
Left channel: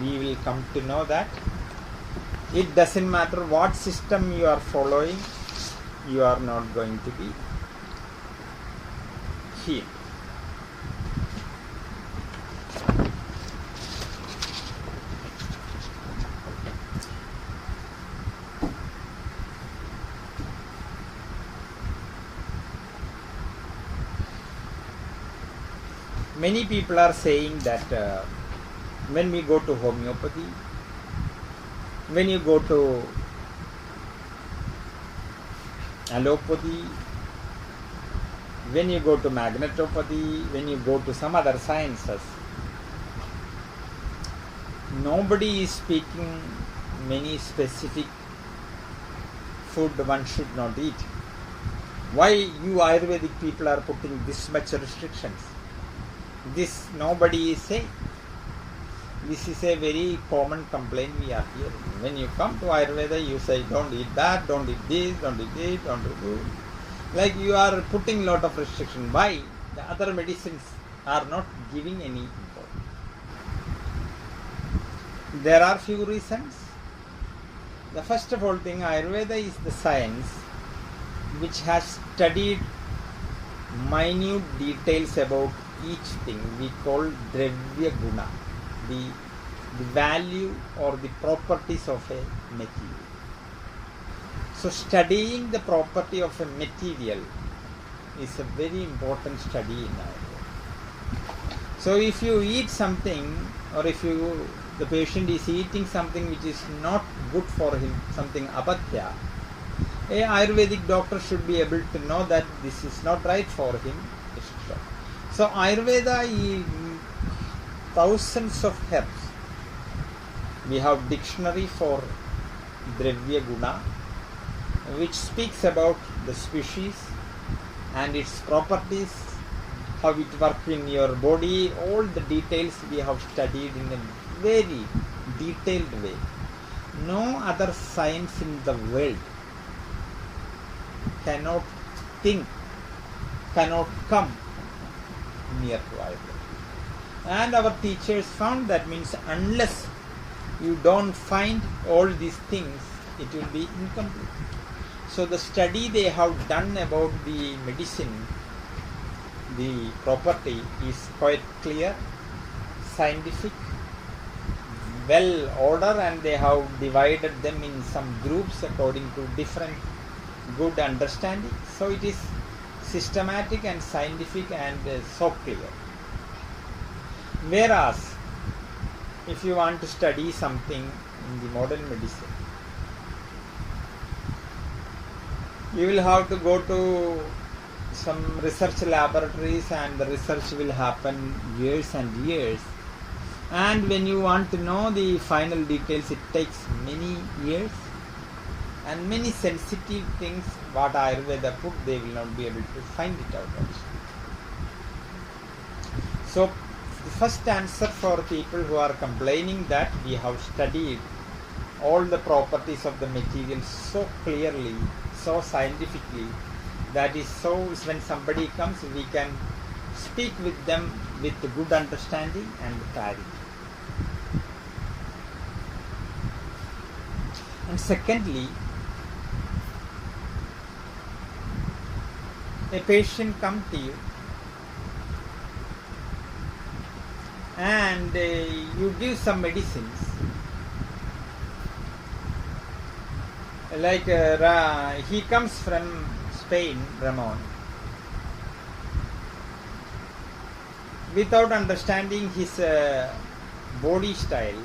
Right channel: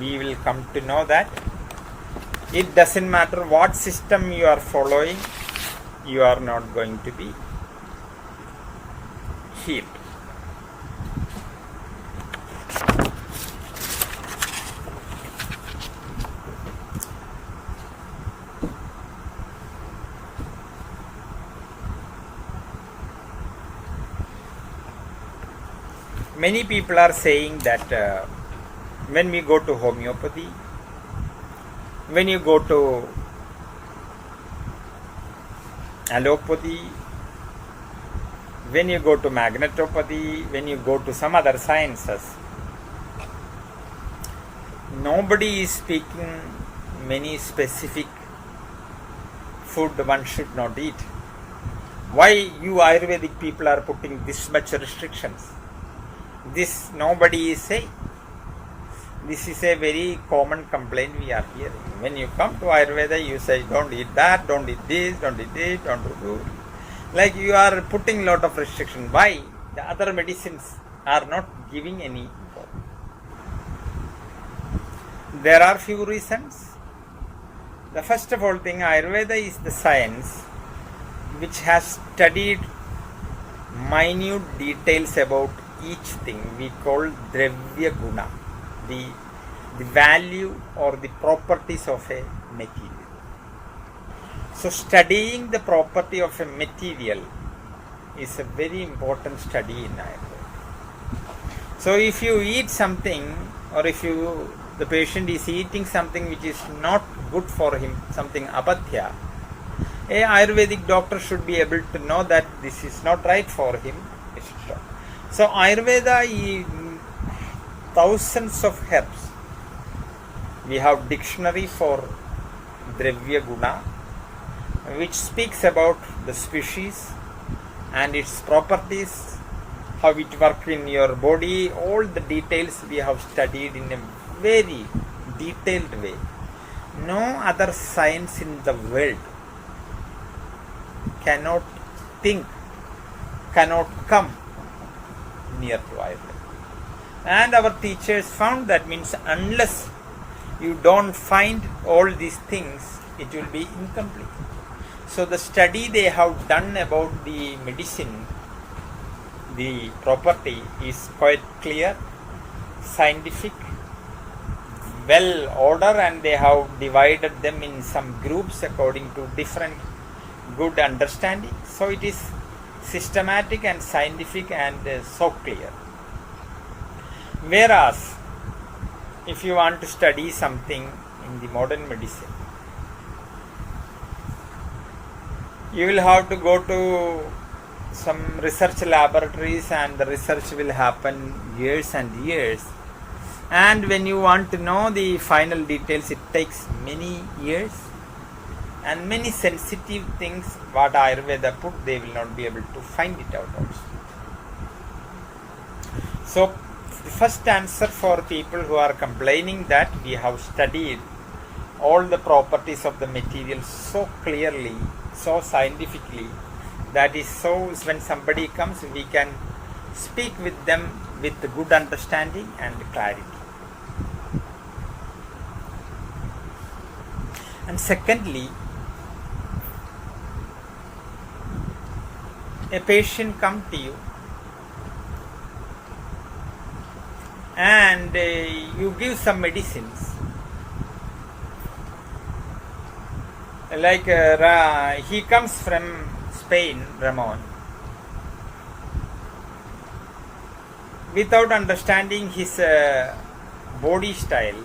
we will come to know that it doesn't matter what system you are following, you are not going to be healed. Many people are saying that when we go to homeopathy, when you go to allopathy, when you go to magnetopathy, when you go to some other sciences, nobody is speaking many specific food one should not eat. Why you Ayurvedic people are putting this much restrictions? This nobody is saying. This is a very common complaint we are hearing. When you come to Ayurveda, you say, don't eat that, don't eat this, don't eat this, don't do. Like you are putting lot of restriction. Why? The other medicines are not giving any. There are few reasons. The first of all thing, Ayurveda is the science which has studied minute details about each thing we call Dravya Guna, the value or the properties of a material. So studying the property of a material is a very important study in Ayurveda. So if you eat something, or if the patient is eating something which is not good for him, something apatya, a Ayurvedic doctor should be able to know that this is not right for him. So Ayurveda is thousands of herbs. We have dictionary for Dravya Guna, which speaks about the species and its properties, how it works in your body. All the details we have studied in a very detailed way. No other science in the world cannot come near to Ayurveda. And our teachers found that means unless you don't find all these things, it will be incomplete. So the study they have done about the medicine, the property is quite clear, scientific, well ordered, and they have divided them in some groups according to different good understanding. So it is systematic and scientific and so clear. Whereas if you want to study something in the modern medicine, you will have to go to some research laboratories, and the research will happen years and years. And when you want to know the final details, it takes many years. And many sensitive things what Ayurveda put, they will not be able to find it out also. So the first answer for people who are complaining that we have studied all the properties of the material so clearly, so scientifically, that is so when somebody comes, we can speak with them with good understanding and clarity. And secondly, a patient come to you and you give some medicines, like he comes from Spain, Ramon, without understanding his body style,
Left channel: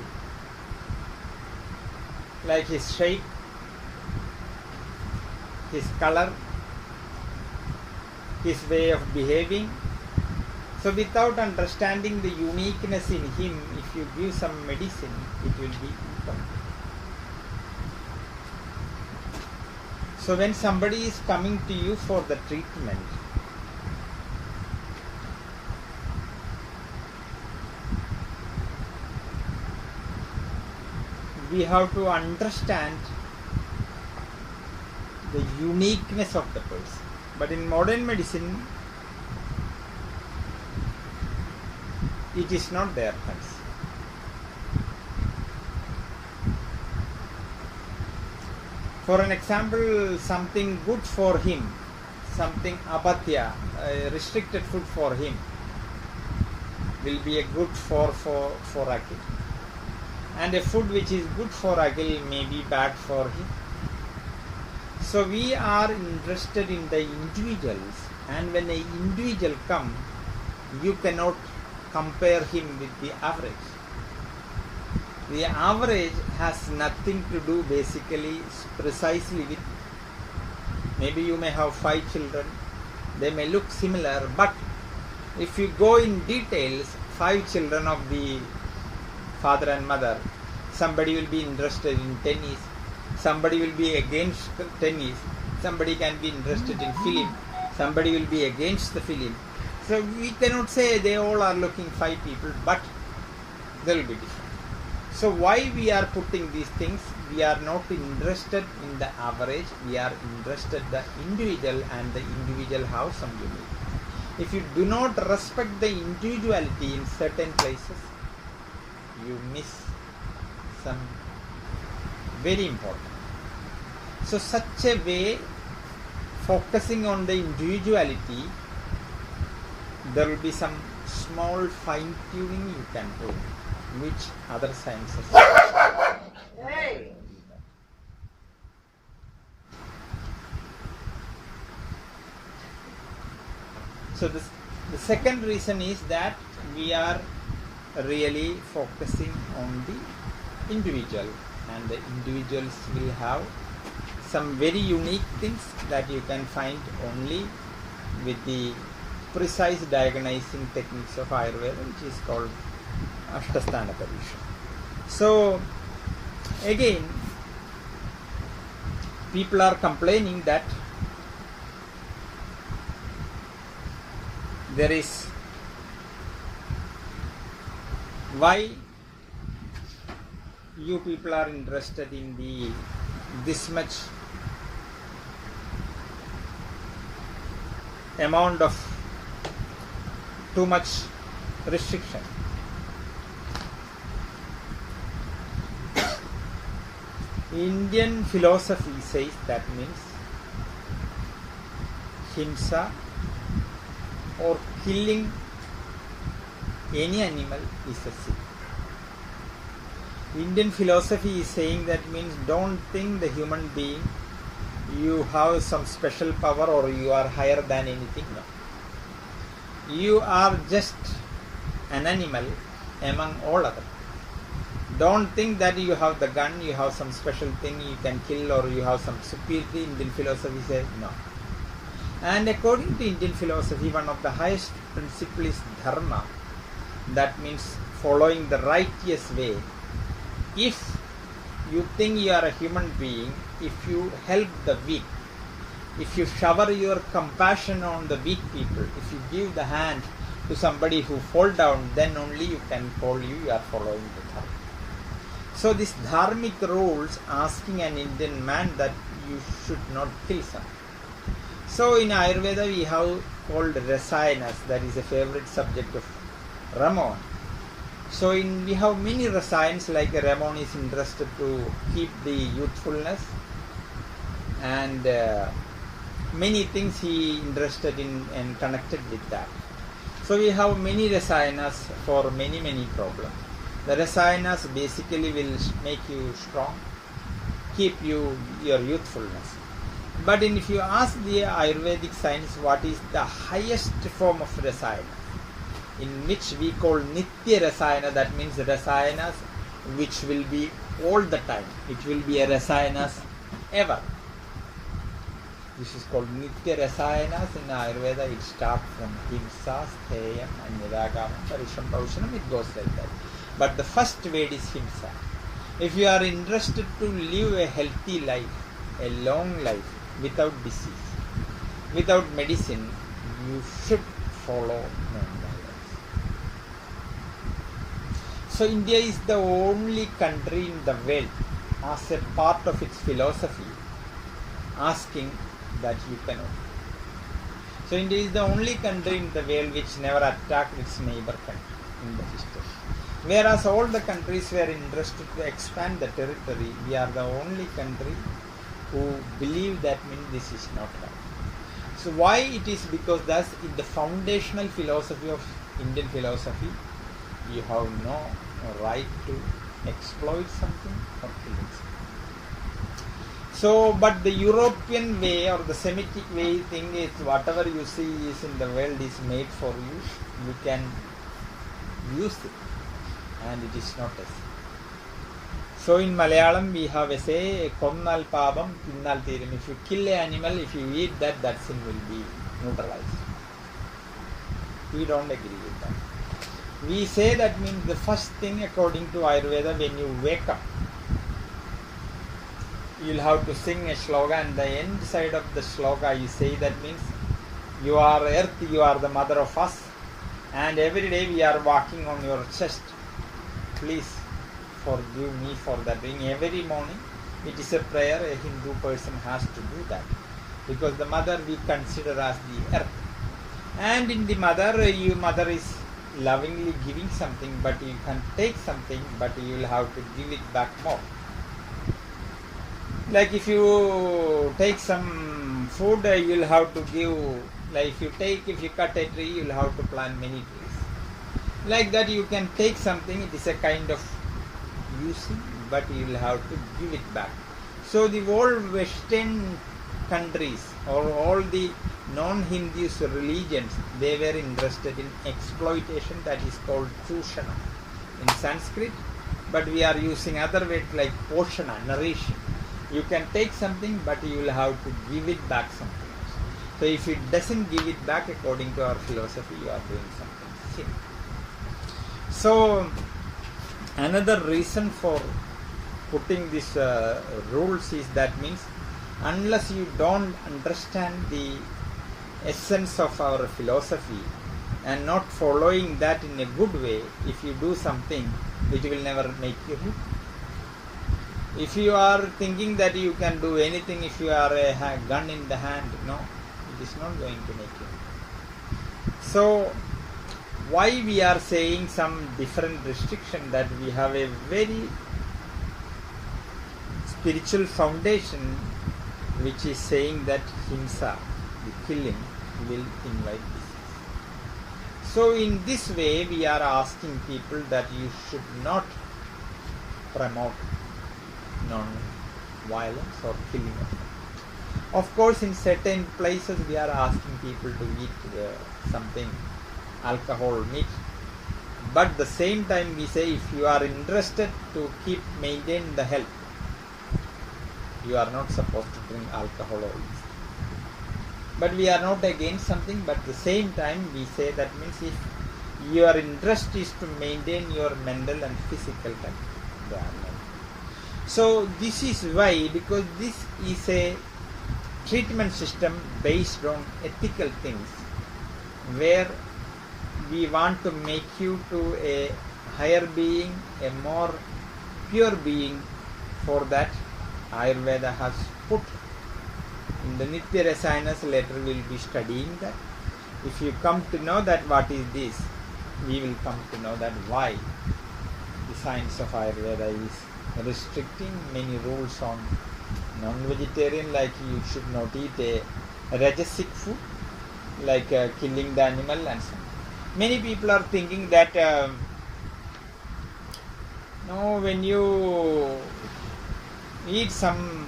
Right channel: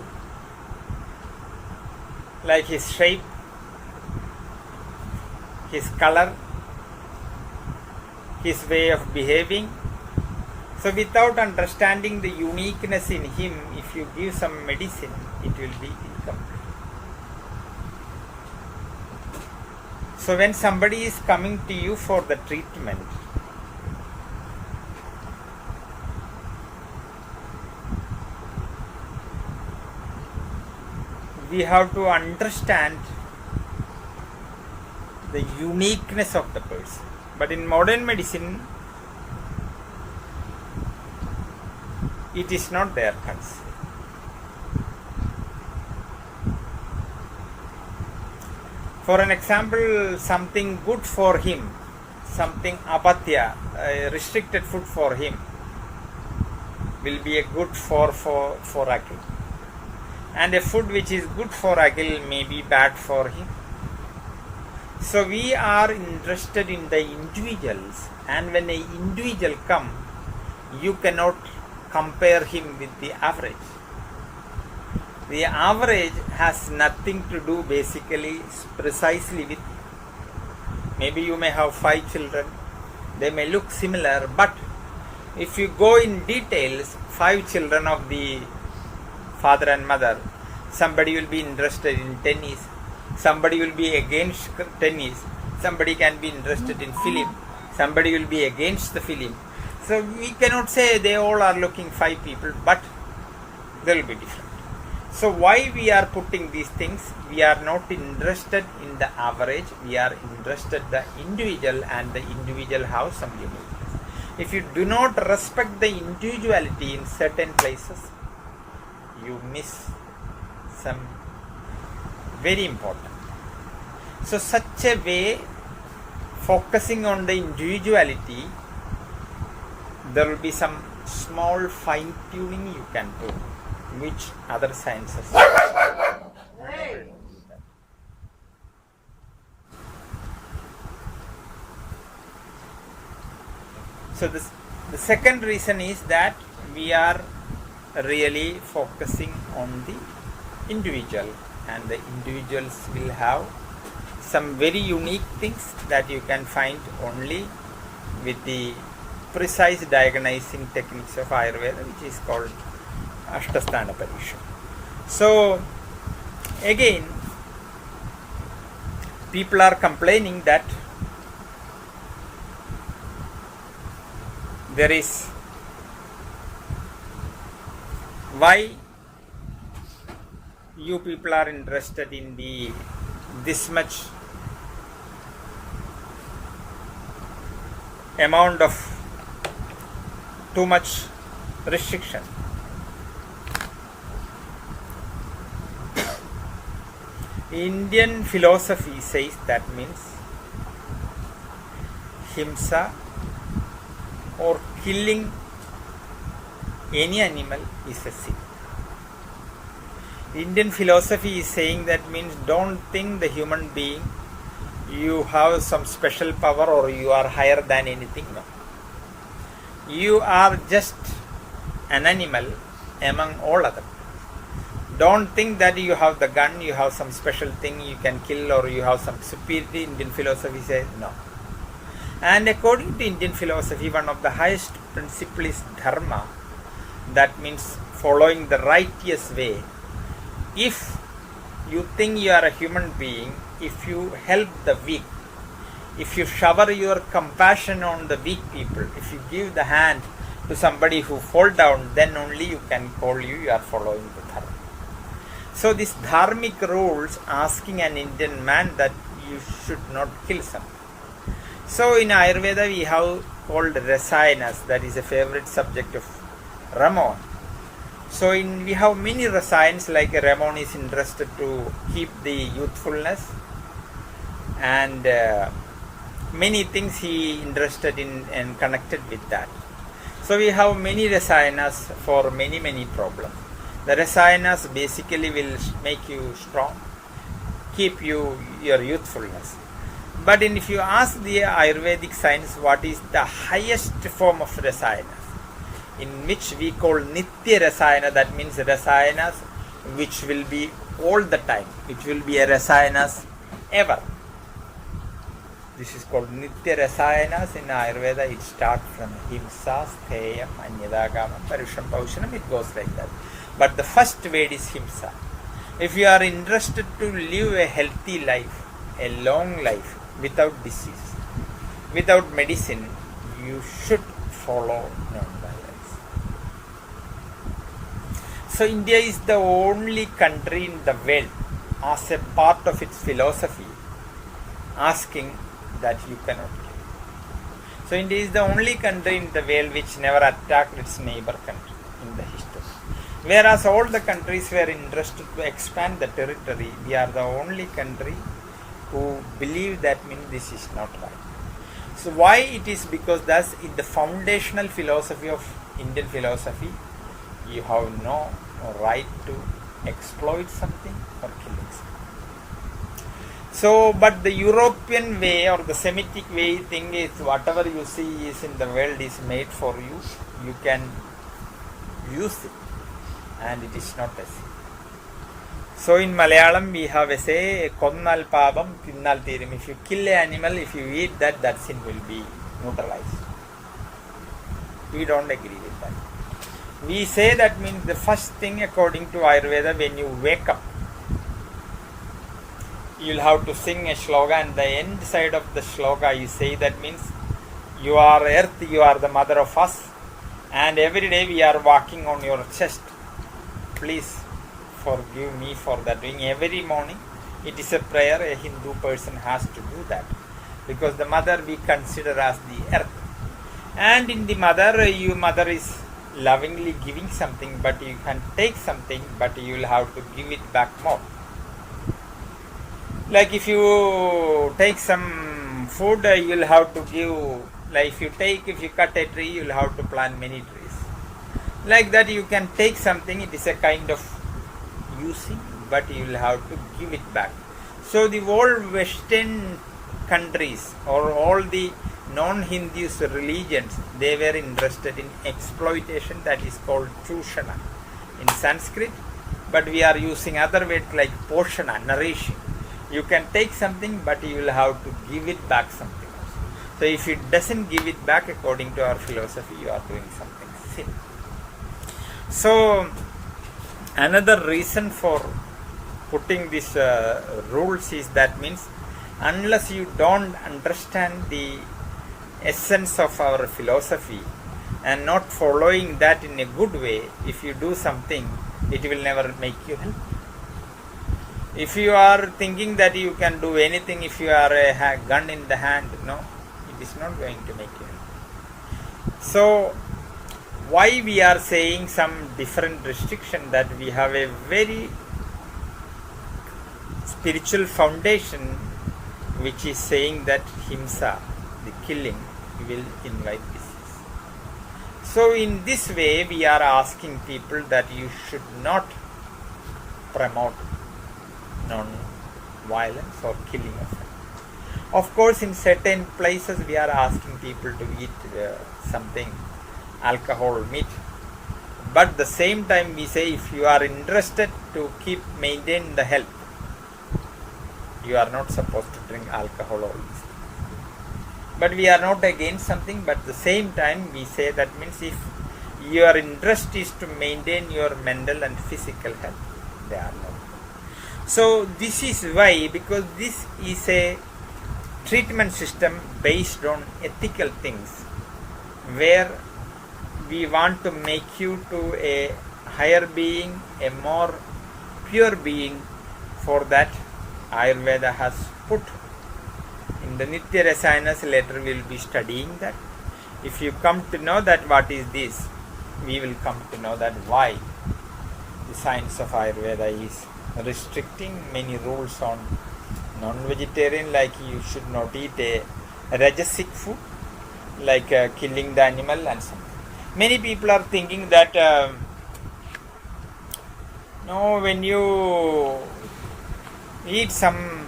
like his shape, his color, his way of behaving. So without understanding the uniqueness in him, if you give some medicine, it will be incomplete. So when somebody is coming to you for the treatment, we have to understand the uniqueness of the person. But in modern medicine, it is not there. For an example, something good for him, something apatya, restricted food for him, will be a good for Akhil. And a food which is good for Akhil may be bad for him. So we are interested in the individuals, and when an individual comes, you cannot compare him with the average. The average has nothing to do basically precisely with, maybe you may have 5 children, they may look similar, but if you go in details, 5 children of the father and mother Somebody will be interested in tennis. Somebody will be against tennis. Somebody can be interested in film. Somebody will be against the film. So we cannot say they all are looking 5 people, but they will be different. So why we are putting these things? We are not interested in the average. We are interested in the individual, and the individual have some unique. If you do not respect the individuality in certain places, you miss some very important. So such a way, focusing on the individuality, there will be some small fine tuning you can do, which other sciences. Hey! So the second reason is that we are really focusing on the individual, and the individuals will have some very unique things that you can find only with the precise diagnosing techniques of Ayurveda, which is called Ashtasthana Parisha. So again, people are complaining that there is why you people are interested in the this much amount of too much restriction. Indian philosophy says that means himsa or killing any animal is a sin. Indian philosophy is saying that means don't think the human being you have some special power or you are higher than anything. No. You are just an animal among all others. Don't think that you have the gun, you have some special thing you can kill, or you have some superiority. Indian philosophy says no. And according to Indian philosophy, one of the highest principles is dharma. That means following the righteous way. If you think you are a human being, if you help the weak, if you shower your compassion on the weak people, if you give the hand to somebody who fall down, then only you can call you are following the dharma. So these dharmic rules asking an Indian man that you should not kill someone. So in Ayurveda we have called rasayanas, that is a favorite subject of Ramon. So we have many rasayans, like Ramon is interested to keep the youthfulness, and many things he interested in and connected with that. So we have many rasayanas for many problems. The rasayanas basically will make you strong, keep your youthfulness. But if you ask the Ayurvedic science what is the highest form of rasayanas, in which we call Nitya Rasayana, that means rasayanas which will be all the time, which will be a rasayanas ever. This is called Nitya Rasayanas in Ayurveda. It starts from Himsa, Stheyam, Anyadagamam, Parisham, Paushanam, it goes like that. But the first word is Himsa. If you are interested to live a healthy life, a long life, without disease, without medicine, you should follow non-violence. So India is the only country in the world, as a part of its philosophy, asking that you cannot kill. So India is the only country in the world which never attacked its neighbor country in the history. Whereas all the countries were interested to expand the territory, we are the only country who believe that means this is not right. So why it is? Because that's in the foundational philosophy of Indian philosophy, you have no right to exploit something or kill something. So, but the European way or the Semitic way thing is whatever you see is in the world is made for you. You can use it, and it is not a sin. So in Malayalam we have a say, Konnal Pavam, Kinnal Thirum. If you kill an animal, if you eat that, that sin will be neutralized. We don't agree with that. We say that means the first thing according to Ayurveda, when you wake up, you'll have to sing a shloka, and the end side of the shloka you say that means you are earth, you are the mother of us, and every day we are walking on your chest. Please forgive me for that. Doing every morning, it is a prayer a Hindu person has to do that, because the mother we consider as the earth, and in the mother, your mother is lovingly giving something, but you can take something, but you will have to give it back more. Like if you take some food, you will have to give, like if you cut a tree, you will have to plant many trees. Like that you can take something, it is a kind of using, but you will have to give it back. So the whole Western countries or all the non-Hindus religions, they were interested in exploitation, that is called chushana in Sanskrit, but we are using other words like poshana, nourishing. You can take something, but you will have to give it back something else. So if it doesn't give it back according to our philosophy, you are doing something sin. So another reason for putting these rules is that means unless you don't understand the essence of our philosophy and not following that in a good way, if you do something, it will never make you happy. If you are thinking that you can do anything, if you are a gun in the hand, no, it is not going to make you. So why we are saying some different restriction, that we have a very spiritual foundation which is saying that himsa, the killing, will invite disease. So in this way we are asking people that you should not promote non-violence or killing of course, in certain places we are asking people to eat something, alcohol, meat, but the same time we say if you are interested to maintain the health, you are not supposed to drink alcohol or this. But we are not against something, but at the same time we say that means if your interest is to maintain your mental and physical health, they are not. So this is why, because this is a treatment system based on ethical things, where we want to make you to a higher being, a more pure being. For that Ayurveda has put in the Nitya Rasayanas, later we will be studying that. If you come to know that what is this, we will come to know that why the science of Ayurveda is restricting many rules on non-vegetarian, like you should not eat a rajasic food, like killing the animal and so on. Many people are thinking that no, when you eat some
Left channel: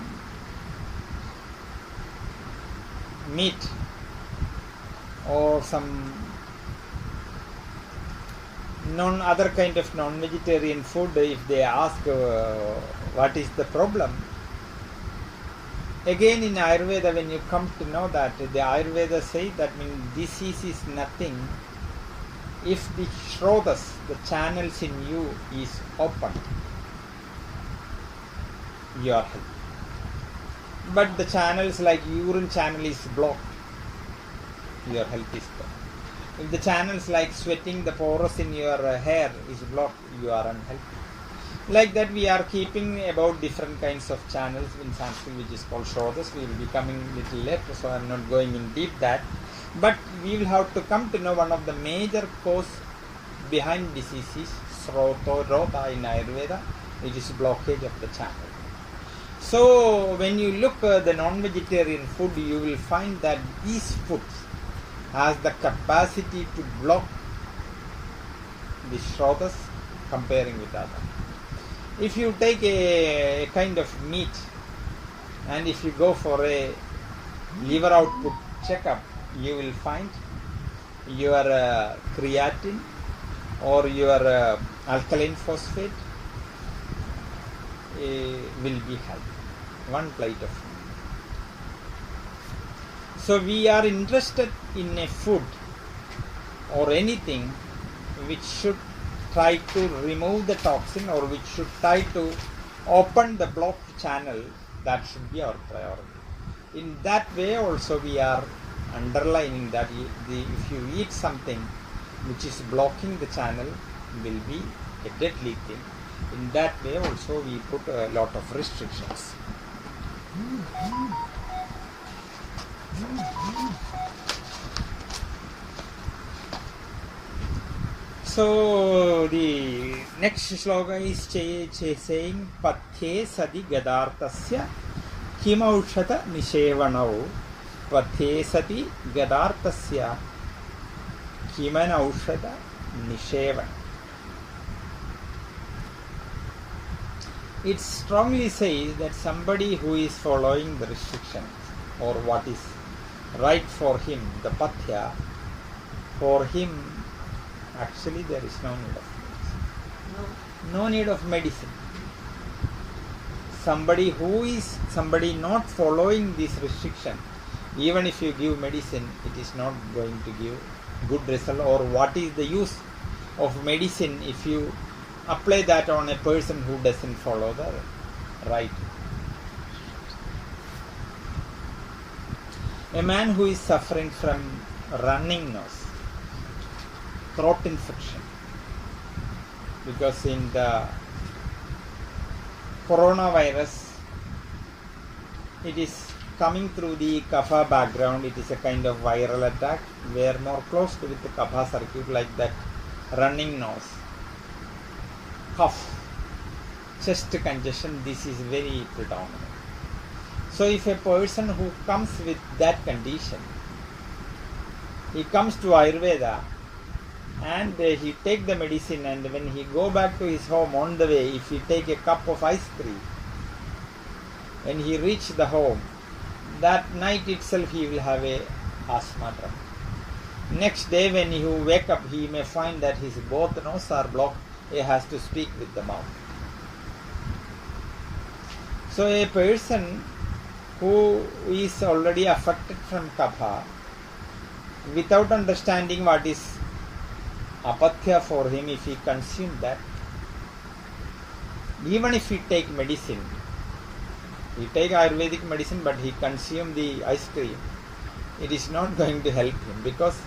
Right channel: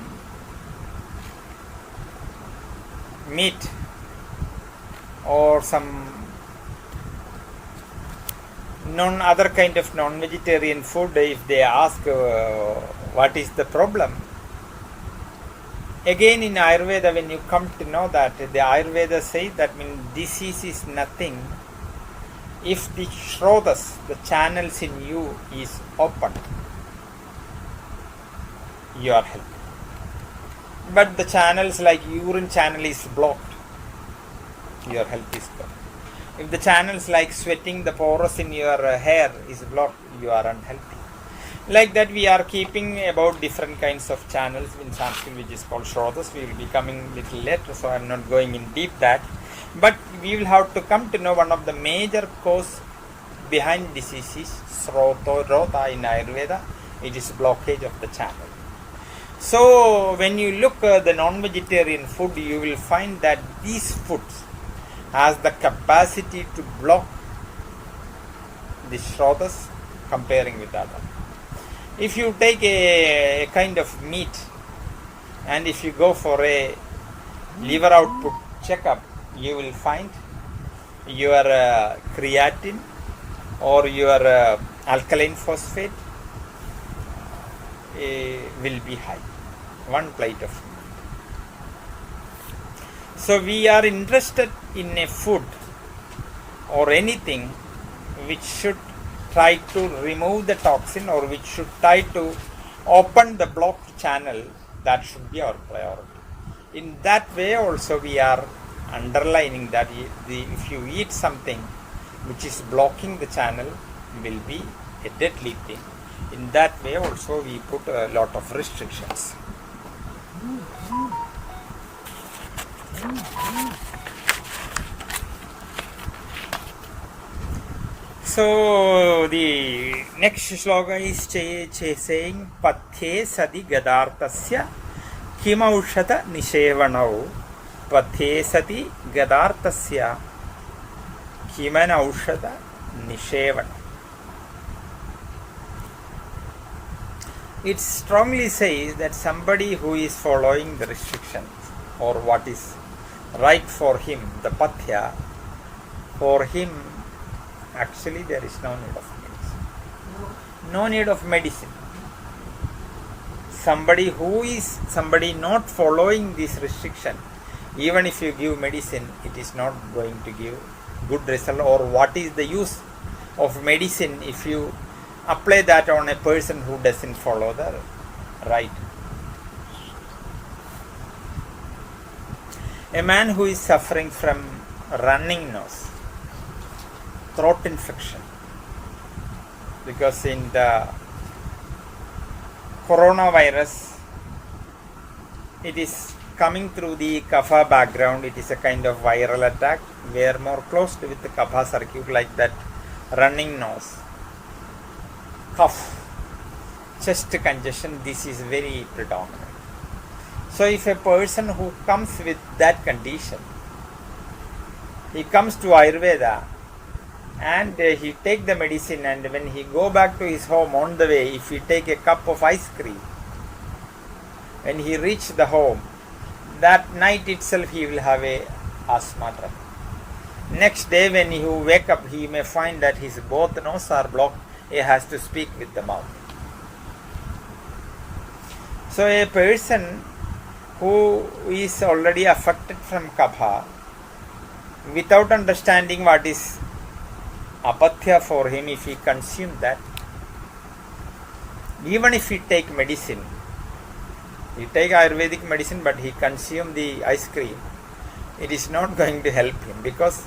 meat or some other kind of non-vegetarian food, if they ask what is the problem, again in Ayurveda, when you come to know that, the Ayurveda says that means disease is nothing if the shrotas, the channels in you, is open, you are healthy. But the channels like urine channel is blocked, your health is blocked. If the channels like sweating, the pores in your hair is blocked, you are unhealthy. Like that we are keeping about different kinds of channels in Sanskrit, which is called shrotas. We will be coming little later, so I am not going in deep that. But we will have to come to know one of the major cause behind disease is rota in Ayurveda. It is blockage of the channel. So when you look at the non-vegetarian food, you will find that these foods has the capacity to block the shrotas comparing with other. If you take a kind of meat and if you go for a liver output checkup, you will find your creatine or your alkaline phosphate will be high. One plate of food. So we are interested in a food or anything which should try to remove the toxin or which should try to open the blocked channel, that should be our priority. In that way also we are underlining that if you eat something which is blocking the channel, will be a deadly thing. In that way also we put a lot of restrictions. So the next shloka is saying Pathe sati gadartasya kimaushata nishevanau. Pathe sati gadartasya kimanaushata nishevan. It strongly says that somebody who is following the restrictions or what is right for him, the pathya, for him actually there is no need of medicine. No need of medicine. Somebody not following this restriction, even if you give medicine, it is not going to give good result. Or what is the use of medicine if you apply that on a person who doesn't follow the right? A man who is suffering from running nose, throat infection, because in the coronavirus it is coming through the kapha background. It is a kind of viral attack. We are more close with the kapha circuit, like that running nose, cough, chest congestion. This is very predominant. So if a person who comes with that condition, he comes to Ayurveda and he take the medicine, and when he go back to his home, on the way, if he take a cup of ice cream, when he reach the home, that night itself he will have a asthma trouble. Next day when he wake up, he may find that his both nose are blocked. He has to speak with the mouth. So a person who is already affected from kapha, without understanding what is apatya for him, if he consume that, even if he take medicine, he take Ayurvedic medicine but he consume the ice cream, it is not going to help him, because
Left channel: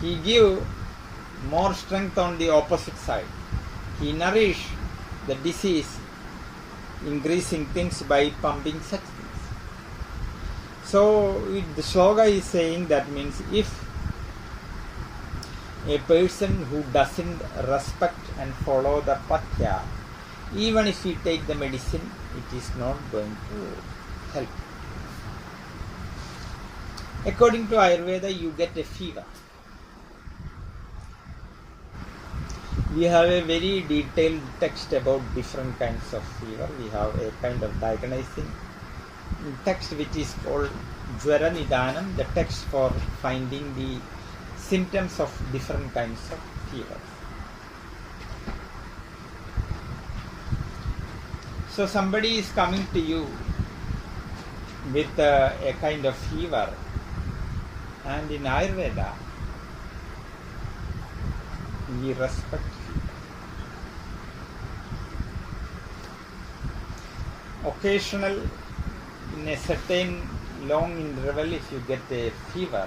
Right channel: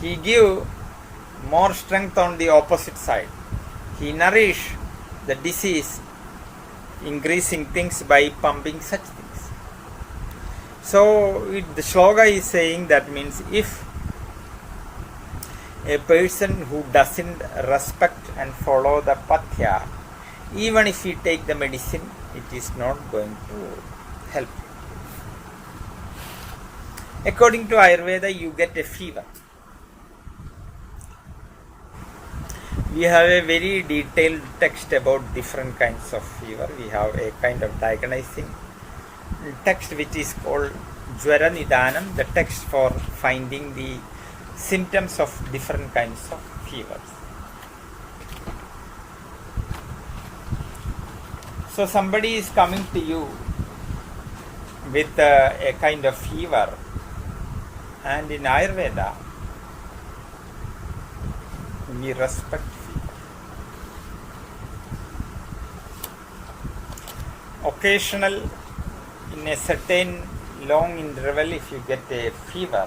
he give more strength on the opposite side. He nourish the disease increasing things by pumping such things. So the shloka is saying that means if a person who doesn't respect and follow the pathya, even if he take the medicine, it is not going to help. According to Ayurveda, you get a fever. We have a very detailed text about different kinds of fever. We have a kind of diagnosing text which is called Jvara Nidanam, the text for finding the symptoms of different kinds of fevers. So somebody is coming to you with a kind of fever, and in Ayurveda we respect fever. Occasional, in a certain long interval, if you get a fever,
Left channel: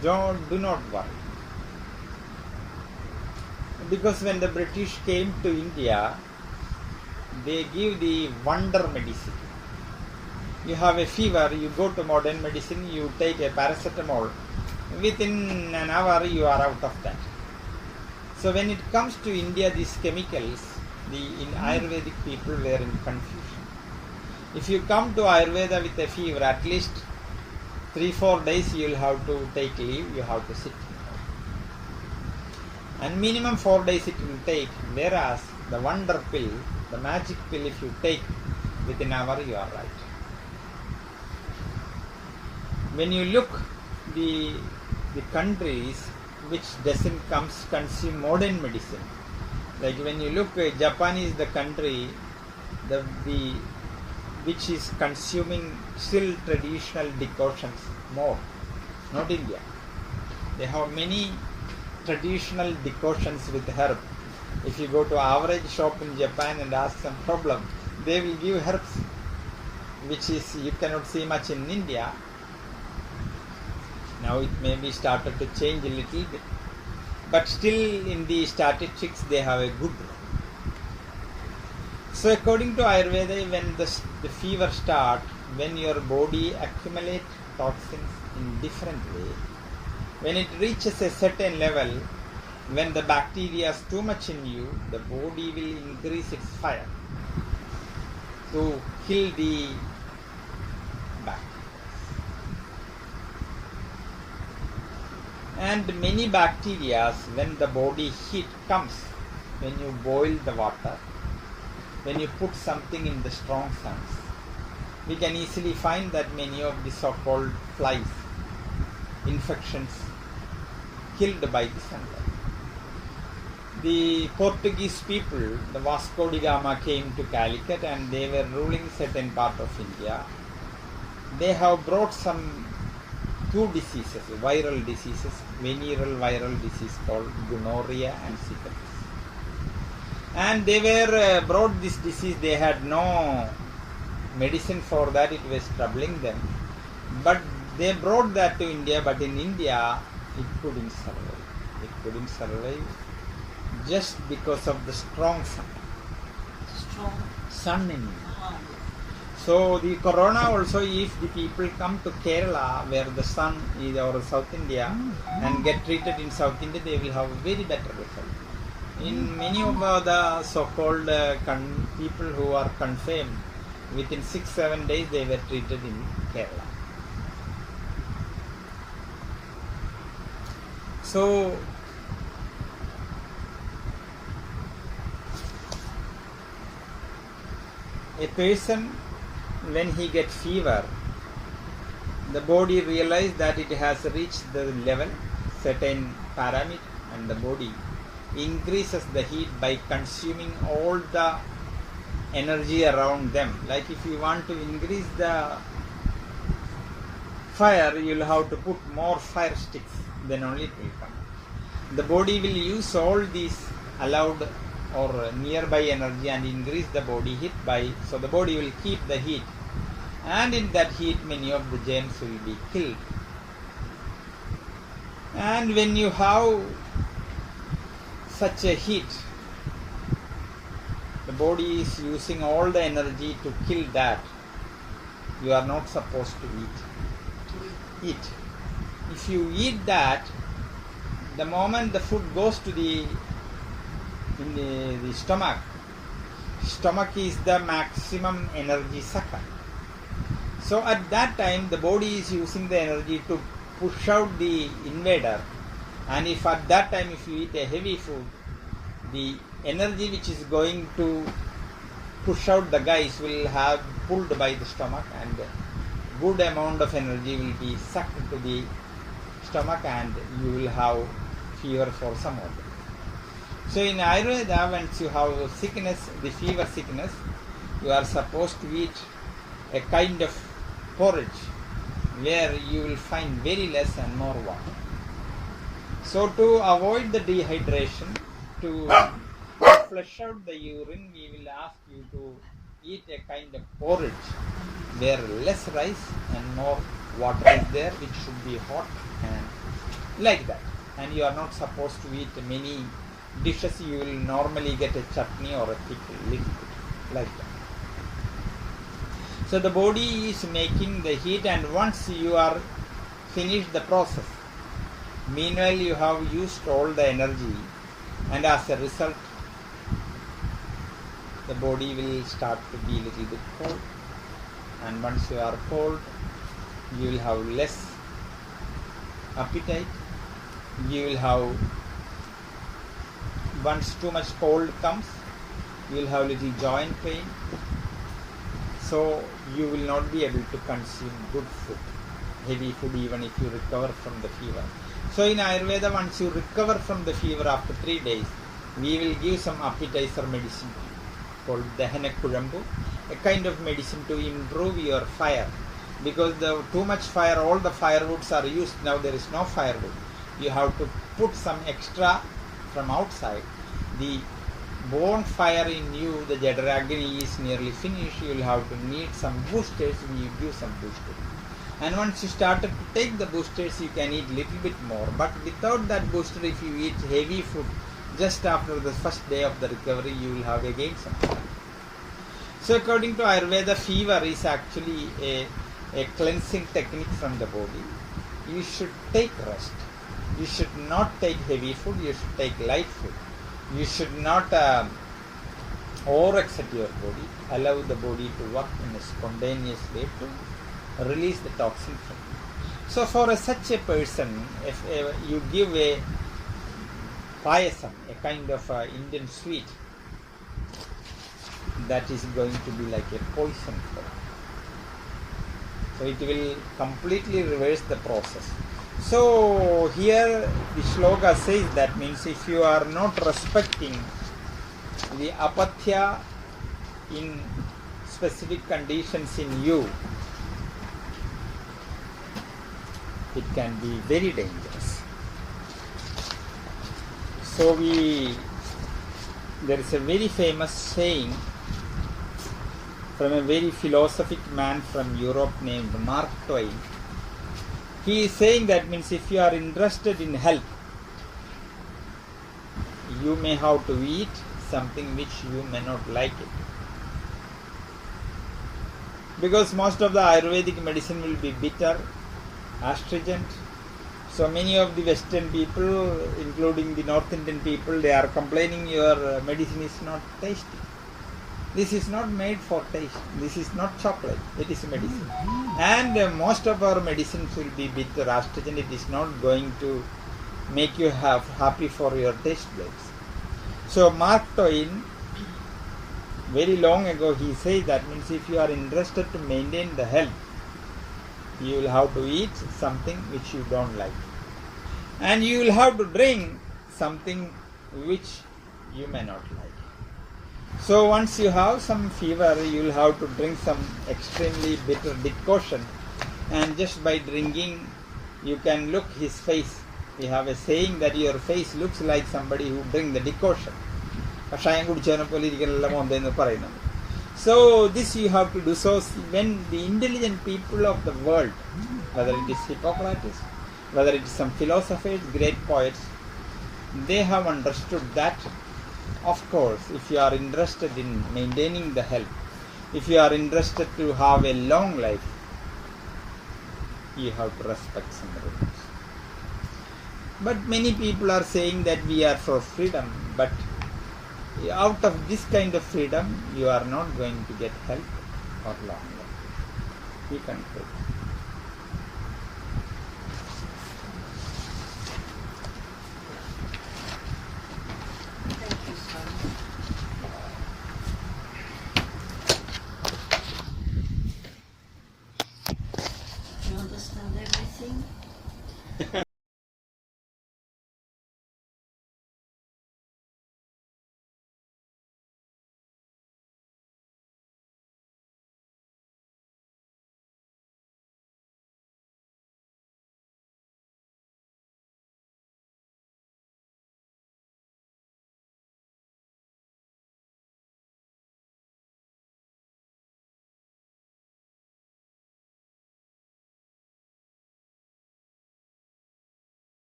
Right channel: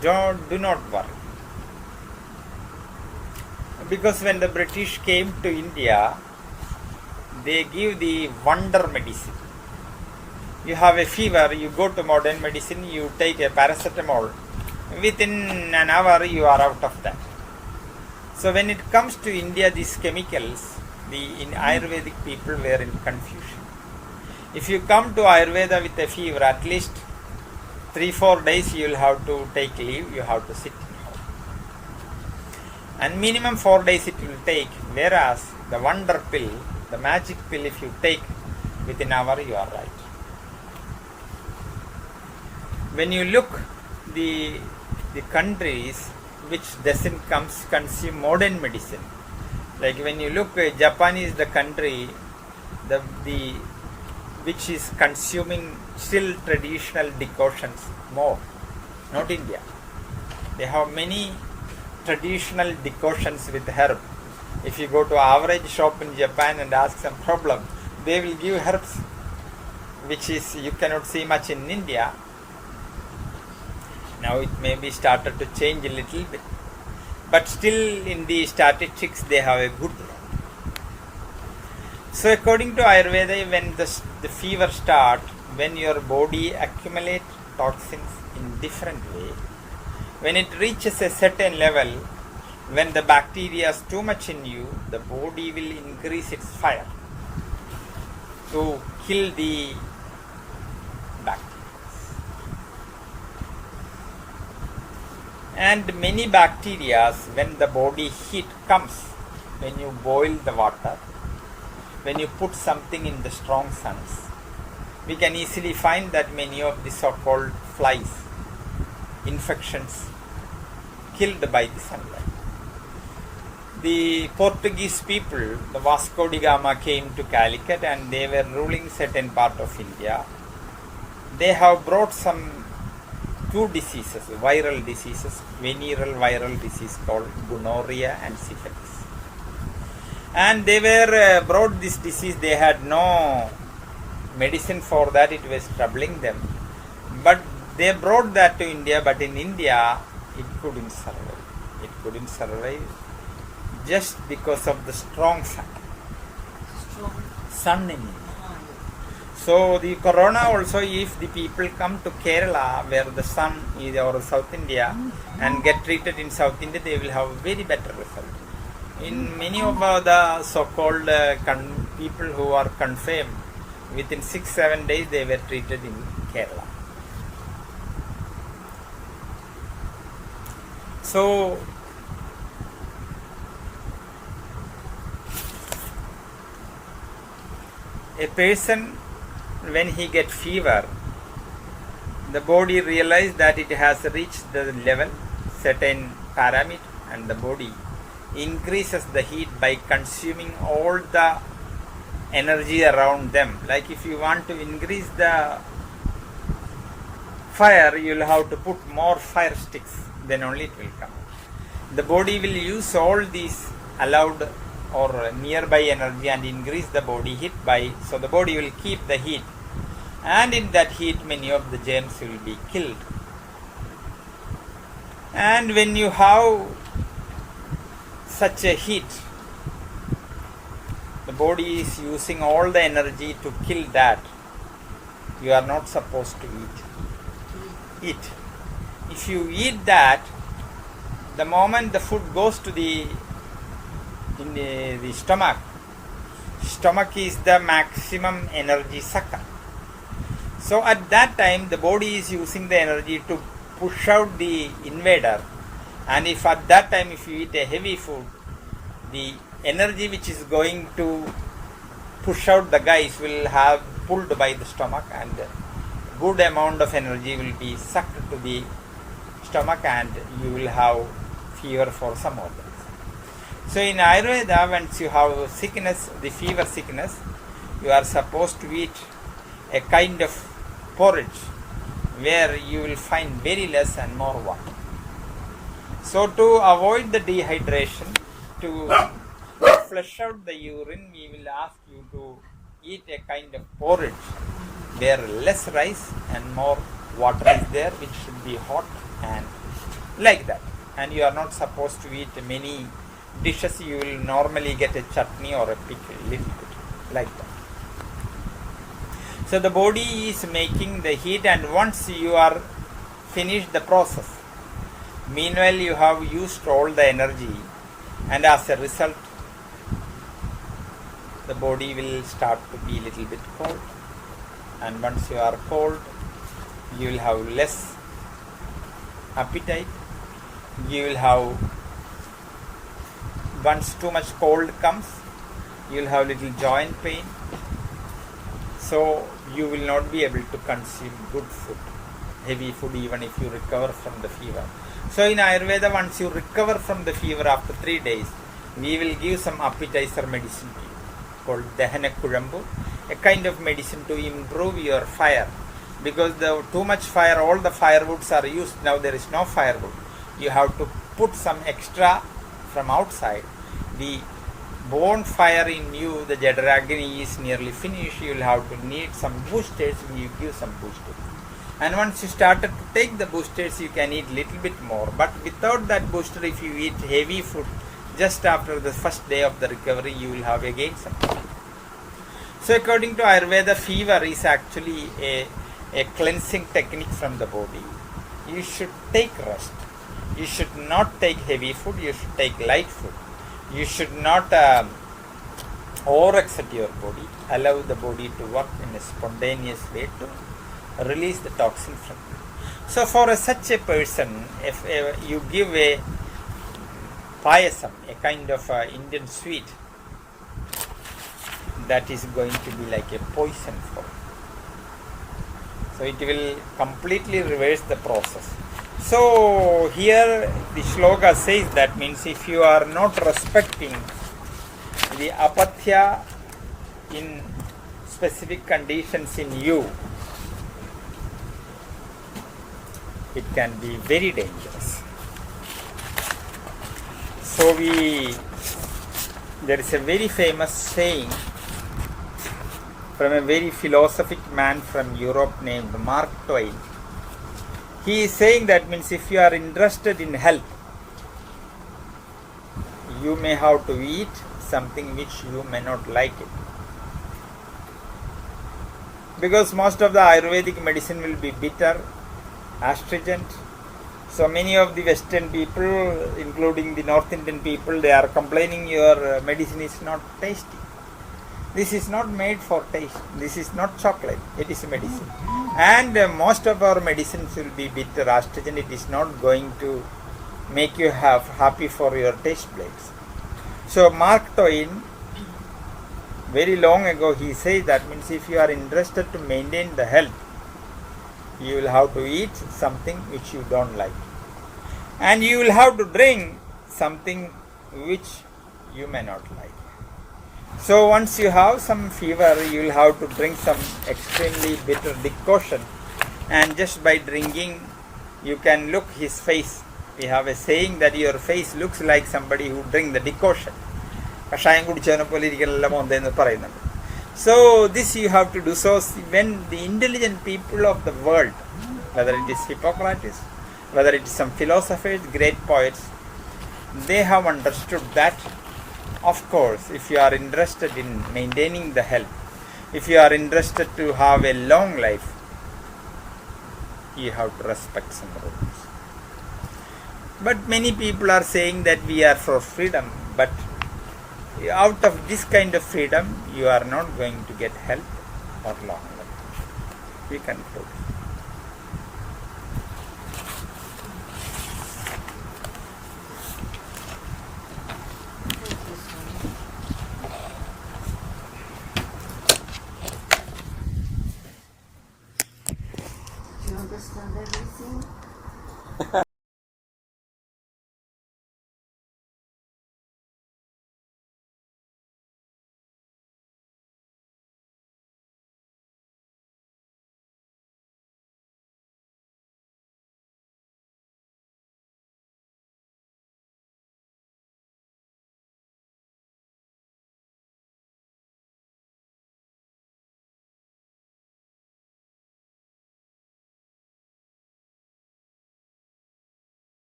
do not worry. Because when the British came to India, they give the wonder medicine. You have a fever, you go to modern medicine, you take a paracetamol, within an hour you are out of that. So when it comes to India, these chemicals, in Ayurvedic people were in confusion. If you come to Ayurveda with a fever, at least 3-4 days you will have to take leave, you have to sit. And minimum 4 days it will take, whereas the wonder pill, the magic pill, if you take within an hour, you are right. When you look the countries which doesn't consume modern medicine, like when you look, Japan is the country which is consuming still traditional decoctions more, not India. They have many traditional decoctions with herb. If you go to average shop in Japan and ask some problem, they will give herbs, which is you cannot see much in India. Now it may be started to change a little bit, but still in the statistics they have a good role. So according to Ayurveda, when the fever start, when your body accumulate toxins in different way, when it reaches a certain level, when the bacteria is too much in you, the body will increase its fire to kill the bacteria. And many bacteria, when the body heat comes, when you boil the water, when you put something in the strong suns, we can easily find that many of the so-called flies, infections, killed by the sunlight. The Portuguese people, the Vasco da Gama came to Calicut and they were ruling certain part of India. They have brought some two diseases, viral diseases, venereal viral disease called gonorrhea and syphilis. And they were brought this disease, they had no medicine for that, it was troubling them. But they brought that to India, but in India it couldn't survive. It couldn't survive just because of the strong sun. Sun in India. So the corona also, if the people come to Kerala where the sun is, or South India, and get treated in South India, they will have very better result. In many of the so-called people who are confirmed, within 6-7 days they were treated in Kerala. So a person, when he gets fever, the body realizes that it has reached the level, certain parameter, and the body increases the heat by consuming all the energy around them. Like if you want to increase the fire, you will have to put more fire sticks, then only it will come. The body will use all these allowed or nearby energy and increase the body heat by, so the body will keep the heat, and in that heat many of the germs will be killed. And when you have such a heat, the body is using all the energy to kill that. You are not supposed to eat. If you eat that, the moment the food goes to the stomach is the maximum energy sucker. So at that time the body is using the energy to push out the invader, and if at that time if you eat a heavy food, the energy which is going to push out the guys will have pulled by the stomach, and good amount of energy will be sucked to the stomach, and you will have fever for some organs. So in Ayurveda, once you have sickness, the fever sickness, you are supposed to eat a kind of porridge where you will find very less and more water. So to avoid the dehydration, to flush out the urine, we will ask you to eat a kind of porridge where less rice and more water is there, which should be hot and like that. And you are not supposed to eat many dishes. You will normally get a chutney or a pickle, little bit, like that. So the body is making the heat, and once you are finished the process, meanwhile you have used all the energy, and as a result the body will start to be little bit cold, and once you are cold you will have less appetite. You will have, once too much cold comes, you will have little joint pain, so you will not be able to consume good food, heavy food, even if you recover from the fever. So in Ayurveda, once you recover from the fever after 3 days, we will give some appetizer medicine to you called Dahana Kurambu, a kind of medicine to improve your fire, because the too much fire, all the firewoods are used, now there is no firewood. you have to put some extra from outside. The bonfire in you, the Jadaragni is nearly finished. You will have to need some boosters. You give some boosters. And once you started to take the boosters, you can eat little bit more. But without that booster, if you eat heavy food, just after the first day of the recovery, you will have again some. So according to Ayurveda, fever is actually a cleansing technique from the body. You should take rest. You should not take heavy food. You should take light food. You should not overexert your body. Allow the body to work in a spontaneous way to release the toxin from it. So for such a person, if you give a payasam, a kind of Indian sweet, that is going to be like a poison for him. So it will completely reverse the process. So here the shloka says that means if you are not respecting the apatya in specific conditions in you, it can be very dangerous. So there is a very famous saying from a very philosophic man from Europe named Mark Twain. He is saying that means if you are interested in health, you may have to eat something which you may not like it. Because most of the Ayurvedic medicine will be bitter, astringent. So many of the Western people, including the North Indian people, they are complaining your medicine is not tasty. This is not made for taste. This is not chocolate. It is medicine. And most of our medicines will be bitter, astringent. It is not going to make you happy for your taste buds. So Mark Twain, very long ago, he says that means if you are interested to maintain the health, you will have to eat something which you don't like. And you will have to drink something which you may not like. So once you have some fever, you will have to drink some extremely bitter decoction. And just by drinking, you can look his face. We have a saying that your face looks like somebody who drink the decoction. So this you have to do. So when the intelligent people of the world, whether it is Hippocrates, whether it is some philosophers, great poets, they have understood that, of course, if you are interested in maintaining the health, if you are interested to have a long life, you have to respect some rules. But many people are saying that we are for freedom, but out of this kind of freedom, you are not going to get health for long. We conclude.